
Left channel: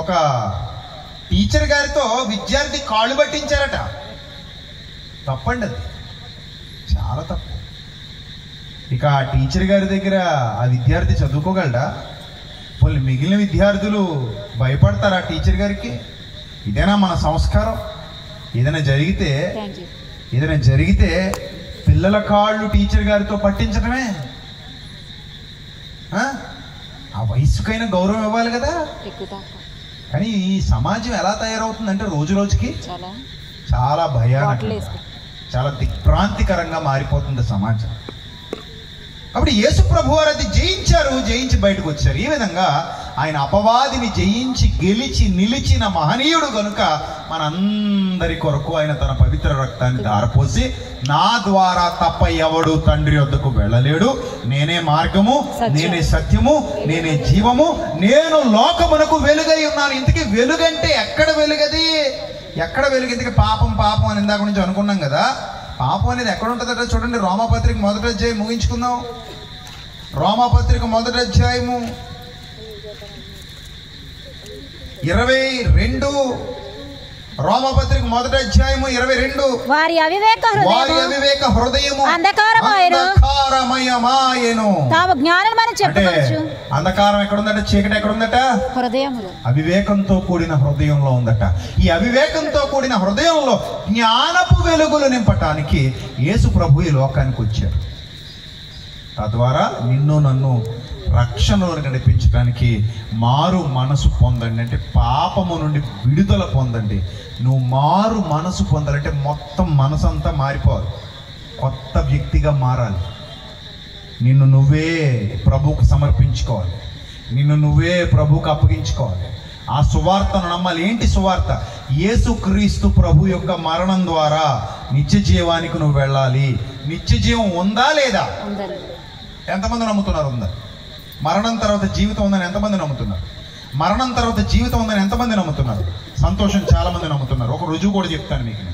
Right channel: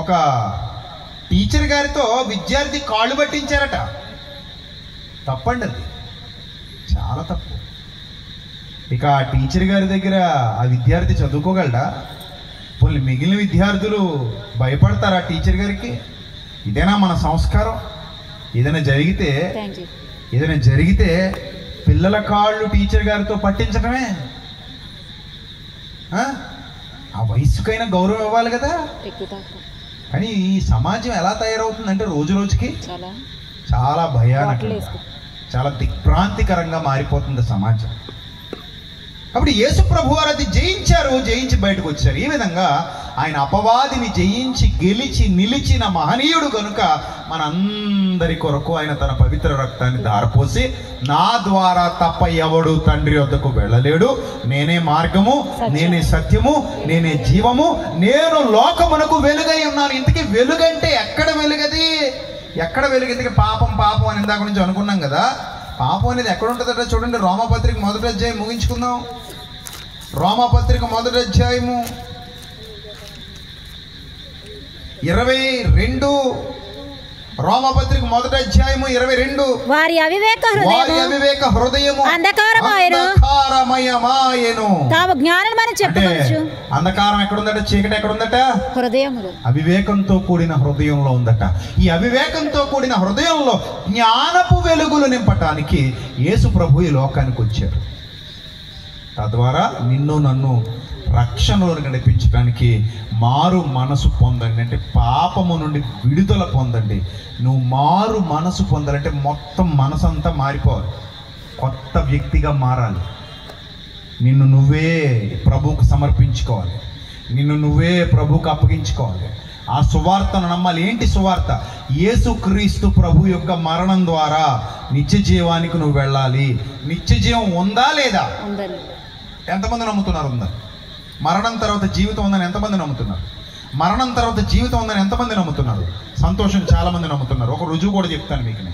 ఒక టీచర్ గారితో విద్యార్థి కాళ్ళు పట్టించారట. తప్పండి, అది చాలా తప్పు. ఇక ఆ టీచర్ గారి దగ్గర ఆ విద్యార్థి చదువుకోగలడా? వాళ్ళు మిగిలిన విద్యార్థులు భయపడతారా టీచర్ గారికి? ఇదేనా మన సంస్కారం? ఏదైనా జరిగితే పిల్లల కాళ్ళు టీచర్ గారితో పట్టించడమే. ఆ వయసుకైనా గౌరవం ఇవ్వాలి కదా. కానీ ఈ సమాజం ఎలా తయారవుతుందంటే రోజు రోజుకి చాలా భయానకంగా, చాలా దిగ్భ్రాంతికరంగా మారిపోతుంది సమాజం. కాబట్టి యేసు ప్రభు వారు అది జయించి బయటకు వచ్చారు. ఈ విధంగా ఆయన అపవాదిని జయించి గెలిచి నిలిచిన మహనీయుడు కనుక మనందరి కొరకు ఆయన తన పవిత్ర రక్తాన్ని ధారపోసి, నా ద్వారా తప్ప ఎవడు తండ్రి వద్దకు వెళ్ళలేడు, నేనే మార్గము, నేనే సత్యము, నేనే జీవము, నేను లోకమునకు వెలుగై ఉన్నాను. ఇంతకీ వెలుగంటే ఎక్కడ వెలుగది? ఇంతకీ పాపం అని ఇందాక నుంచి అనుకున్నాం కదా. పాపం అనేది ఎక్కడ ఉంటుందట చూడండి. రోమాపత్రిక 1వ అధ్యాయం ముగించుకుందాం. రోమాపత్రిక 1వ అధ్యాయము 22. రోమాపత్రిక 1వ అధ్యాయము 22. వారి అవివేక హృదయము అంధకారమయమాయెను, తాము జ్ఞానమని చెప్పవచ్చు. అంధకారం ఎక్కడుందట? చీకటి ఎక్కడుందట? హృదయములో. అవివేకంతో కూడిన హృదయంలో ఉందట. ఈ అవివేకంతో కూడిన హృదయంలో జ్ఞానపు వెలుగులు నింపటానికి యేసు ప్రభు ఈ లోకానికి వచ్చారు. తద్వారా నిన్ను నన్ను రక్షణలోకి నడిపించడానికి మారు మనసు పొందండి. అంటే పాపము నుండి విడుదల పొందండి. నువ్వు మారు మనసు పొందాలంటే మొత్తం మనసంతా మారిపోవాలి, కొత్త వ్యక్తిగా మారాలి. నిన్ను నువ్వే ప్రభువుకు సమర్పించుకోవాలి, నిన్ను నువ్వే ప్రభువుకు అప్పగించుకోవాలి. ఆ సువార్తను నమ్మాలి. ఏంటి సువార్త? యేసుక్రీస్తు ప్రభు యొక్క మరణం ద్వారా నిత్య జీవానికి నువ్వు వెళ్ళాలి. నిత్య జీవం ఉందా లేదా? ఎంతమంది నమ్ముతున్నారు? ఉందా? మరణం తర్వాత జీవితం ఉందని ఎంతమంది నమ్ముతున్నారు? మరణం తర్వాత జీవితం ఉందని ఎంతమంది నమ్ముతున్నారు? సంతోషం, చాలా మంది నమ్ముతున్నారు. ఒక రుజువు కూడా చెప్తాను మీకు.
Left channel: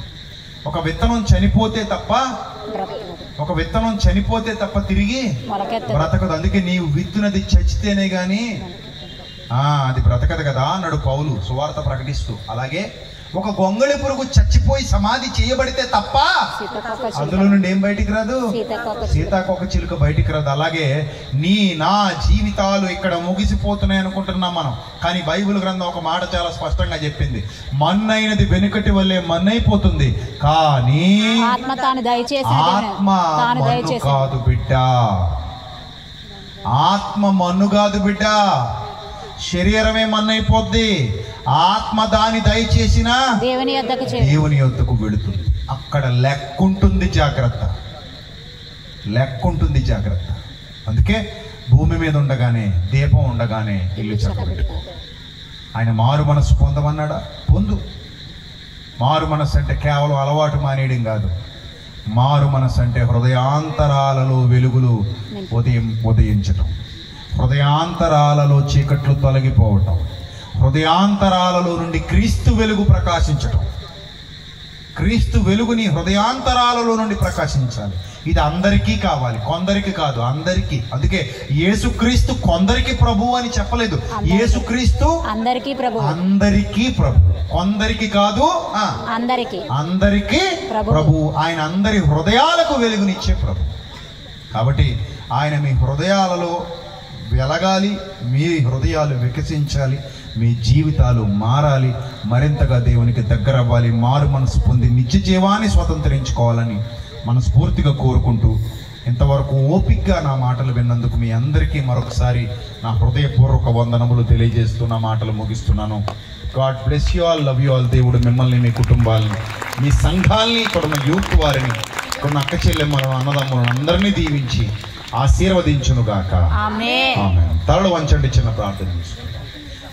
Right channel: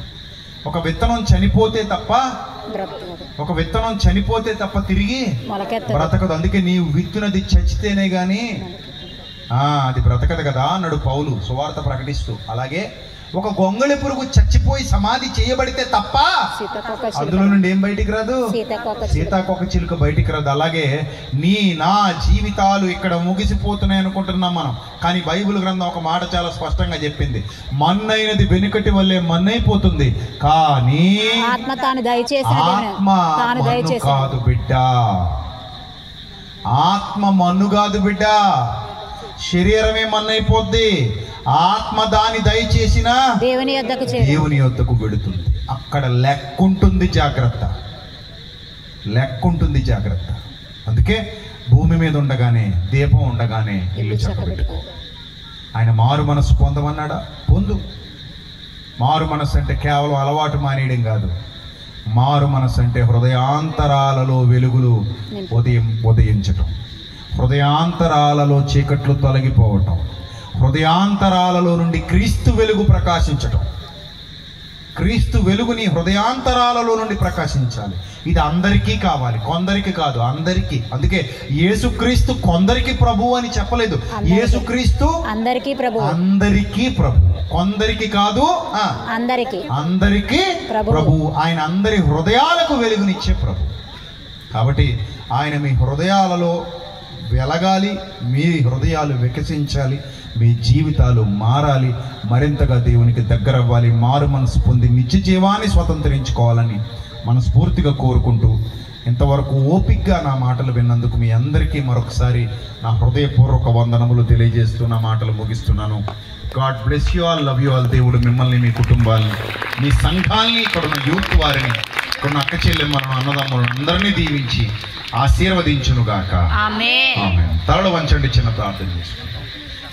ఒక విత్తనం చనిపోతే తప్ప తిరిగి బ్రతకదు. అందుకే నీవు విత్తునది చచ్చితేనే గాని అది బ్రతకదు కదా అన్నాడు పౌలు సువార్త ప్రకటిస్తూ. అలాగే ఒక గొంగళి పురుగు చచ్చిపోయి సమాధి చేయబడితే తప్ప అందులో నుండి ఏం బయటికి రాదు? సీతాకోక చిలుక బయటికి రాదు. అలాగే నా జీవితాలు ఇక్కడ ముగిసిపోతున్నాయి అనుకుంటున్నాం మనం. కానీ బైబిల్ గ్రంథం ఒక మాట చాలా స్పష్టంగా చెప్పింది. మన్నైనది వెనుకటి వల్లే మన్నైపోతుంది, కానీ ఆత్మ కాదు బిడ్డ. ఆత్మ మన్ను కాదు బిడ్డ. శరీరమే మన్నైపోద్ది, ఆత్మ దాని దయచేసిన దేవుని యొద్దకు వెడుతుంది. అక్కడ లెక్కుంటుంది, జాగ్రత్త. అందుకే భూమి మీద ఉండగానే, దీపం ఉండగానే ఇల్లు చక్కబెట్టుకో. ఆయన మారు మనసు పొందమన్నాడా? పొందు. మారు మనసు అంటే కేవలం అలవాటు మానేయడం కాదు. మారు మనసు అంటే హృదయాంతరాలలో వెలుగులు ఉదయించటం, హృదయాంతరాలలో చీకట్లు తొలగిపోవటం, హృదయాంతరాలలో నుండి క్రీస్తు వెలుగు ప్రకాశించటం. క్రీస్తు వెలుగు నీ హృదయాంతరాలలో నుండి ప్రకాశించాలి. ఇది అందరికీ కావాలి, కొందరికి కాదు, అందరికీ. అందుకే యేసుక్రీస్తు కొందరికి ప్రభు అని చెప్పలేదు. యేసుక్రీస్తు అందరికీ ప్రభు, అందరికీ ప్రభు, కొందరికి కాదు, అందరికీ ప్రభు. ఆయన అందరి హృదయాలకు వెలుగునిచ్చే ప్రభు. కాబట్టి ఆయన మీ హృదయాలలో వెలగాలి, మీ హృదయాలు వికసించాలి, మీ జీవితాలు మారాలి, మరింతగా దేవునికి దగ్గర అవ్వాలి, మారు మనసు పొంది నిత్య జీవాన్ని స్వతంత్రించుకోవాలని మనస్ఫూర్తిగా కోరుకుంటూ, ఇంతవరకు ఓపికగా నా మాటలు విన్నందుకు మీ అందరికీ మరొకసారి నా హృదయపూర్వక వందనములు తెలియజేస్తూ నా మాటలు ముగిస్తున్నాను. God bless you all, love you all. దేవుడు మిమ్మల్ని, మీ కుటుంబాలని, మీ సంఘాలని, ఇక్కడున్న యూత్ వారిని, ఇక్కడున్న అక్క చెల్లెమ్మలను, అన్నదమ్ములను అందరినీ దీవించి ఆశీర్వదించునుగాక. ఆమేన్. తలలు వంచండి, చిన్న ప్రార్థన చేసుకుంటాం.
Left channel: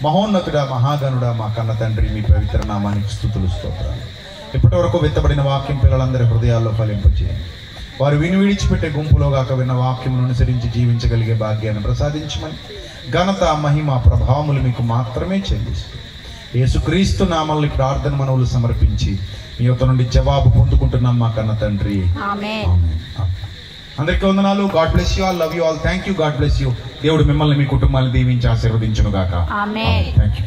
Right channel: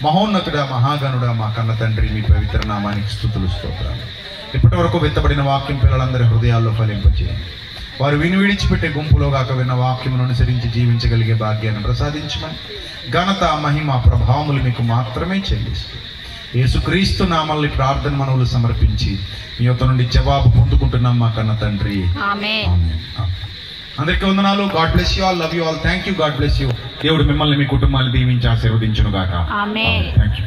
మహోన్నతుడా, మహాగణుడా, మా కన్న తండ్రి, మీ పవిత్ర నామానికి స్తుతులు, స్తోత్రాలు. ఇప్పటి వరకు విత్తబడిన వాక్యం పిల్లలందరి హృదయాల్లో ఫలింపచేయండి. వారు విని విడిచిపెట్టే గుంపులో గాక విన్న వాక్యమును అనుసరించి జీవించగలిగే భాగ్యాన్ని ప్రసాదించమని ఘనత, మహిమ, ప్రభావములు మీకు మాత్రమే చెల్లిస్తూ యేసుక్రీస్తు నామల్ని ప్రార్థన మనవులు సమర్పించి మీ యొక్క నుండి జవాబు పొందుకుంటున్నాం మా కన్న తండ్రి. ఆమేన్. అందరికీ వందనాలు. God bless you all, love you all. Thank you. God bless you. దేవుడు మిమ్మల్ని, మీ కుటుంబాన్ని దీవించి ఆశీర్వదించును గాక. ఆమేన్. Thank you.